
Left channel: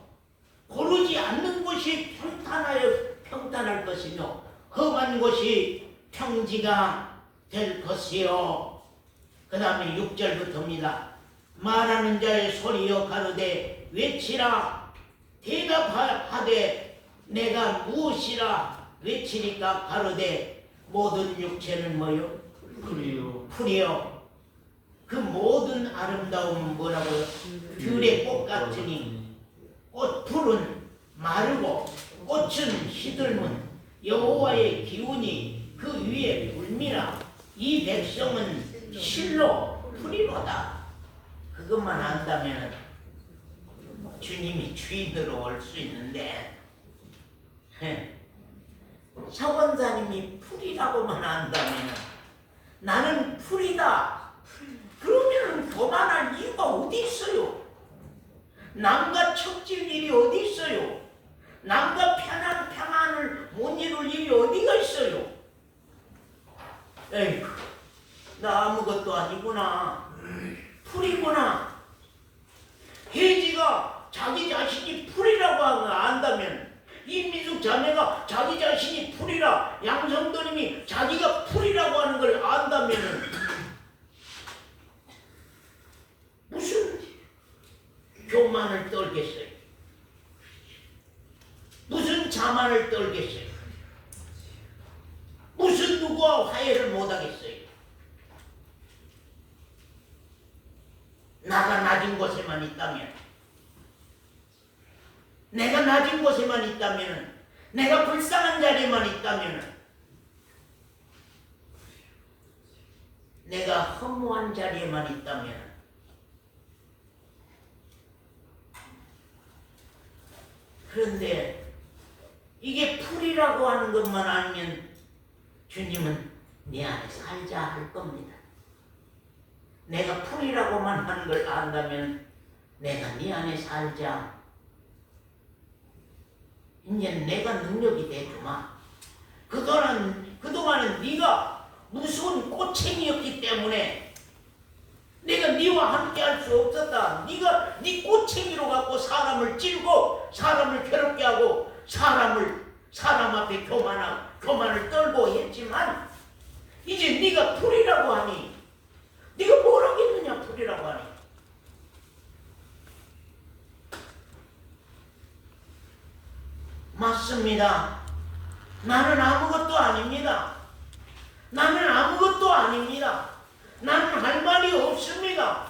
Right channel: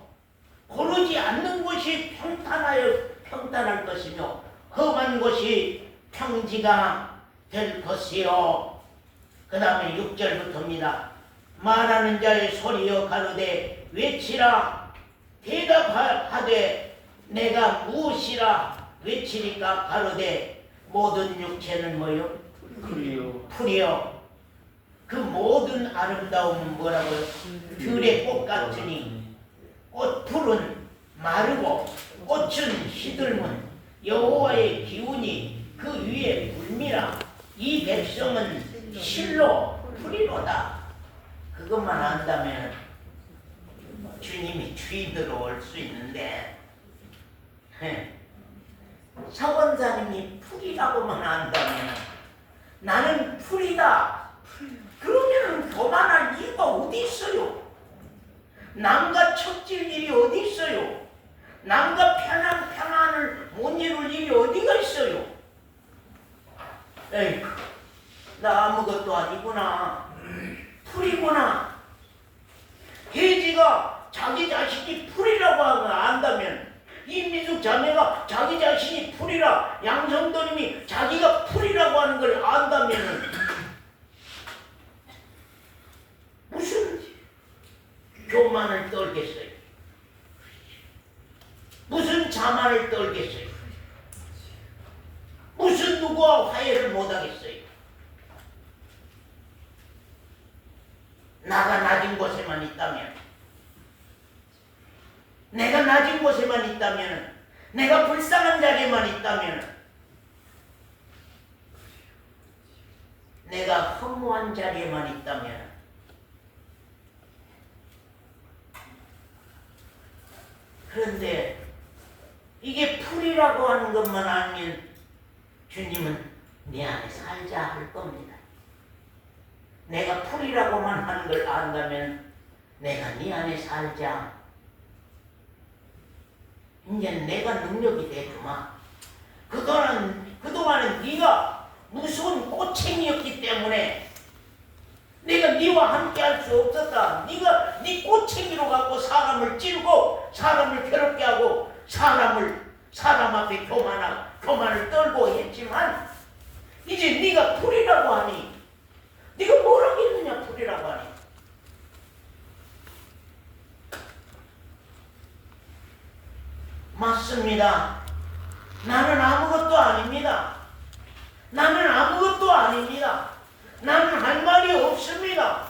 고르지 않는 곳이 평탄할 것이며 험한 곳이 평지가 될 것이요. 그 다음에 6절부터입니다. 말하는 자의 소리여 가로되 외치라. 대답하되 내가 무엇이라 외치리까 가로되 모든 육체는 뭐요? 풀이요. 그 모든 아름다움은 뭐라고요? 들의 꽃 같으니 꽃풀은 마르고 꽃은 시들면 여호와의 기운이 그 위에 불미라. 이 백성은 실로 풀이로다. 그것만 안다면 주님이 주인으로 올 수 있는데 서원사님이 풀이라고만 안다면 나는 풀이다. 그러면 교만할 이유가 어디 있어요? 남과 척질 일이 어디 있어요? 남과 평안을 못 이룰 일이 어디가 있어요? 에이, 나 아무것도 아니구나. 풀이구나. 혜지가 자기 자신이 풀이라고 안다면, 이민숙 자매가 자기 자신이 풀이라, 양성도님이 자기가 풀이라고 하는 걸 안다면 무슨 교만을 떨겠어요? 무슨 자만을 떨겠어요? 무슨 누구와 화해를 못하겠어요? 나가 낮은 곳에만 있다면, 내가 낮은 곳에만 있다면, 내가 불쌍한 자리에만 있다면, 내가 허무한 자리에만 있다면, 그런데 이게 풀이라고 하는 것만 알면 주님은 내 안에 살자 할 겁니다. 내가 풀이라고만 하는 걸 안다면 내가 네 안에 살자. 이제 내가 능력이 되주마. 그동안은 네가 무서운 꼬챙이였기 때문에 내가 네와 함께 할 수 없었다. 네가 네 꼬챙이로 갖고 사람을 찔고 사람을 괴롭게 하고 사람 앞에 교만을 떨고 했지만 이제 네가 풀이라고 하니 네가 뭘 하겠느냐 풀이라고 하니. 맞습니다. 나는 아무것도 아닙니다. 나는 아무것도 아닙니다. 나는 할 말이 없습니다.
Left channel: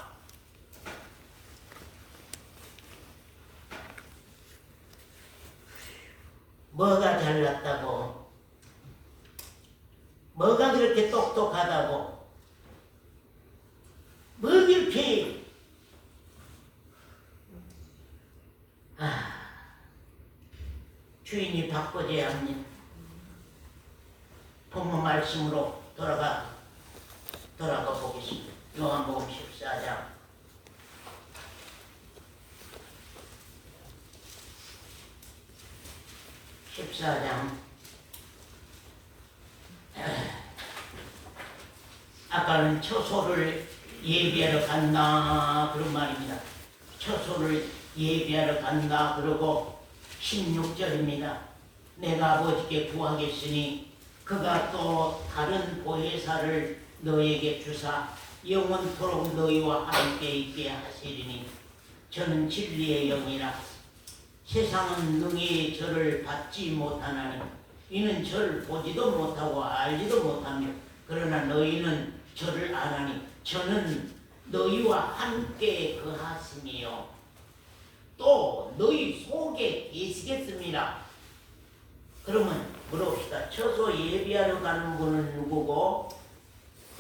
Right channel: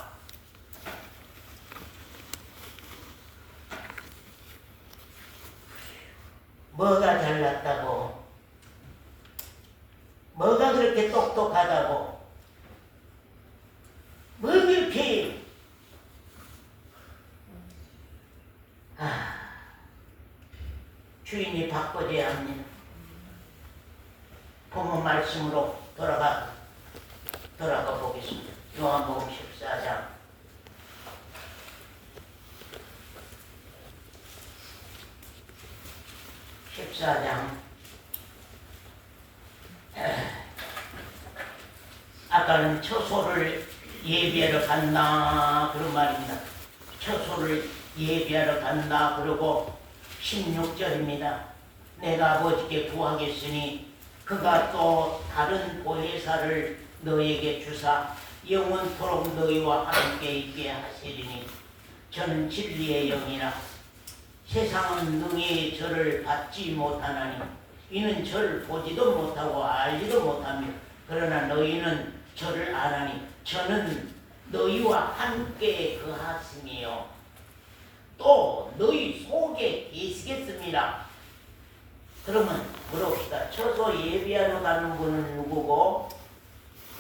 뭐가 잘났다고? 뭐가 그렇게 똑똑하다고? 뭐 이렇게 주인이 바꿔줘야 합니다. 본문 말씀으로 돌아가 보겠습니다. 요한복음 14장 14장 아까는 처소를 예비하러 간다 그런 말입니다. 처소를 예비하러 간다 그러고 16절입니다. 내가 아버지께 구하겠으니 그가 또 다른 보혜사를 너에게 주사 영원토록 너희와 함께 있게 하시리니 저는 진리의 영이라. 세상은 능히 저를 받지 못하나니 이는 저를 보지도 못하고 알지도 못하며 그러나 너희는 저를 아나니 저는 너희와 함께 거하시며 또 너희 속에 계시겠습니다. 그러면 물어봅시다. 처소 예비하러 가는 분은 누구고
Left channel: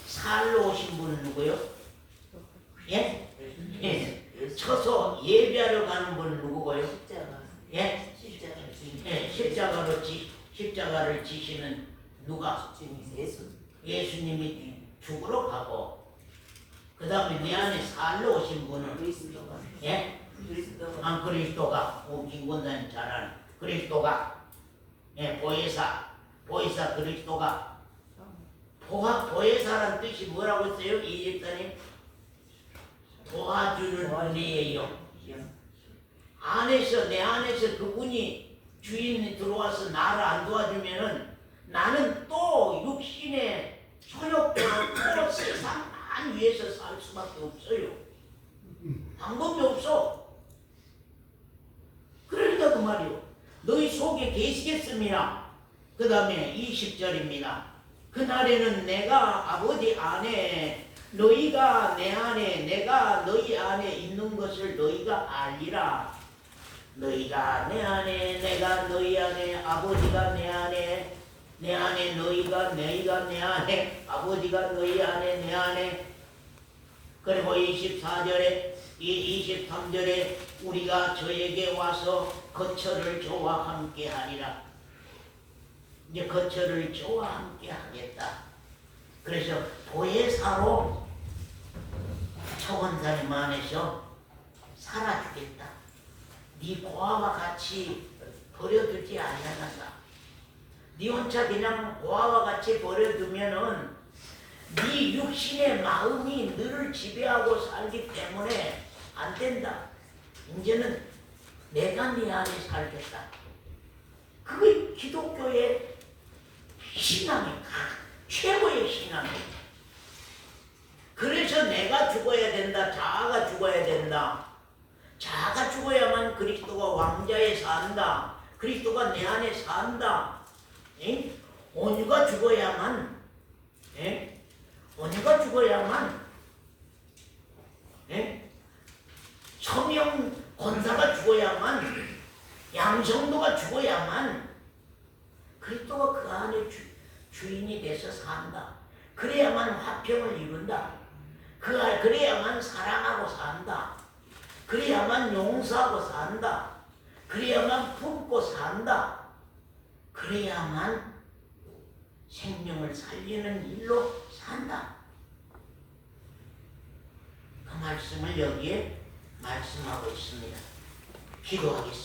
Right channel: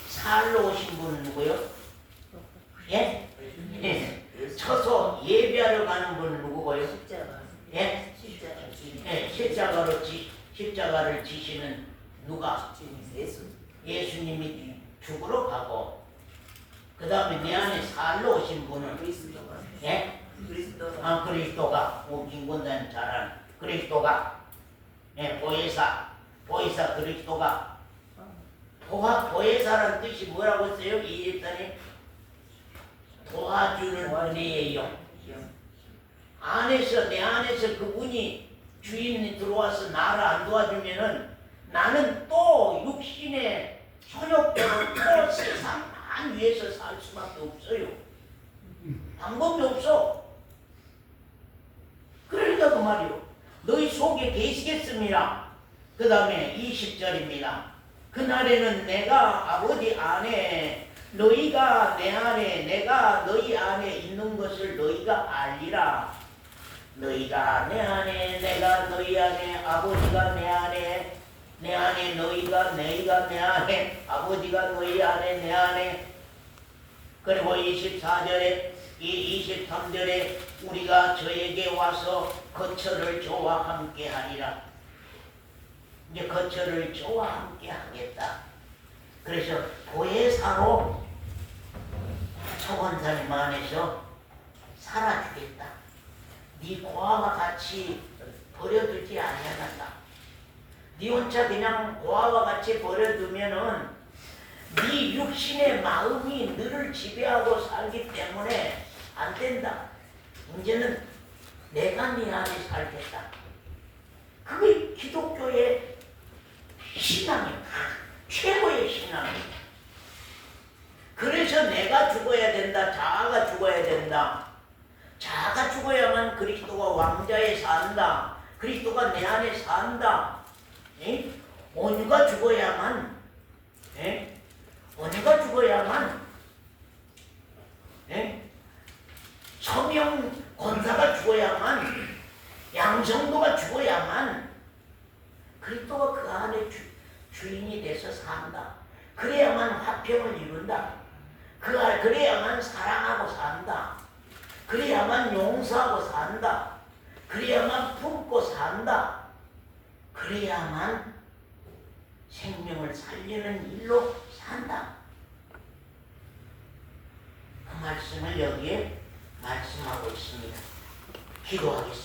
살러 오신 분은 누구요? 예? 예. 처소 예비하러 가는 분은 누구고요? 예? 십자가를 지시는 누가? 예수님이 죽으러 가고 그 다음에 내 안에 살러 오신 분은 예? 그리스도가 김권사님 잘 아는 그리스도가 예, 보혜사 그리스도가 보혜사란 뜻이 뭐라고 했어요? 이 집사님? 도와주는 분이에요. 내 안에서 그분이 주인이 들어와서 나를 안 도와주면은 나는 또 육신의 소욕대로 또 세상만 위해서 살 수밖에 없어요. 방법이 없어. 그러니까 그 말이요. 너희 속에 계시겠습니다. 그 다음에 20절입니다. 그날에는 내가 아버지 안에 너희가 내 안에 내가 너희 안에 있는 것을 너희가 알리라. 너희가 내 안에 내가 너희 안에 아버지가 내 안에 너희가 내 안에 아버지가 너희 안에 내 안에 그리고 24절에 이 23절에 우리가 저에게 와서 거처를 저와 함께 하리라. 이제 거처를 저와 함께 하겠다. 그래서 보혜사로 초원사님 안에서 살아주겠다. 네 고아와 같이 버려두지 아니하겠다. 네 혼자 그냥 고아와 같이 버려두면은 네 육신의 마음이 너를 지배하고 살기 때문에 안 된다. 이제는 내가 네 안에 살겠다. 그게 기독교의 신앙이야. 최고의 신앙이야. 그래서 내가 죽어야 된다. 자아가 죽어야 된다. 자아가 죽어야만 그리스도가 왕자에 산다. 그리스도가 내 안에 산다. 에? 온유가 죽어야만, 에? 온유가 죽어야만, 에? 서명 권사가 죽어야만, 양성도가 죽어야만 그리스도가 그 안에 주인이 돼서 산다. 그래야만 화평을 이룬다. 그래야만 사랑하고 산다. 그래야만 용서하고 산다. 그래야만 품고 산다. 그래야만 생명을 살리는 일로 산다. 그 말씀을 여기에 말씀하고 있습니다. 기도하겠습니다.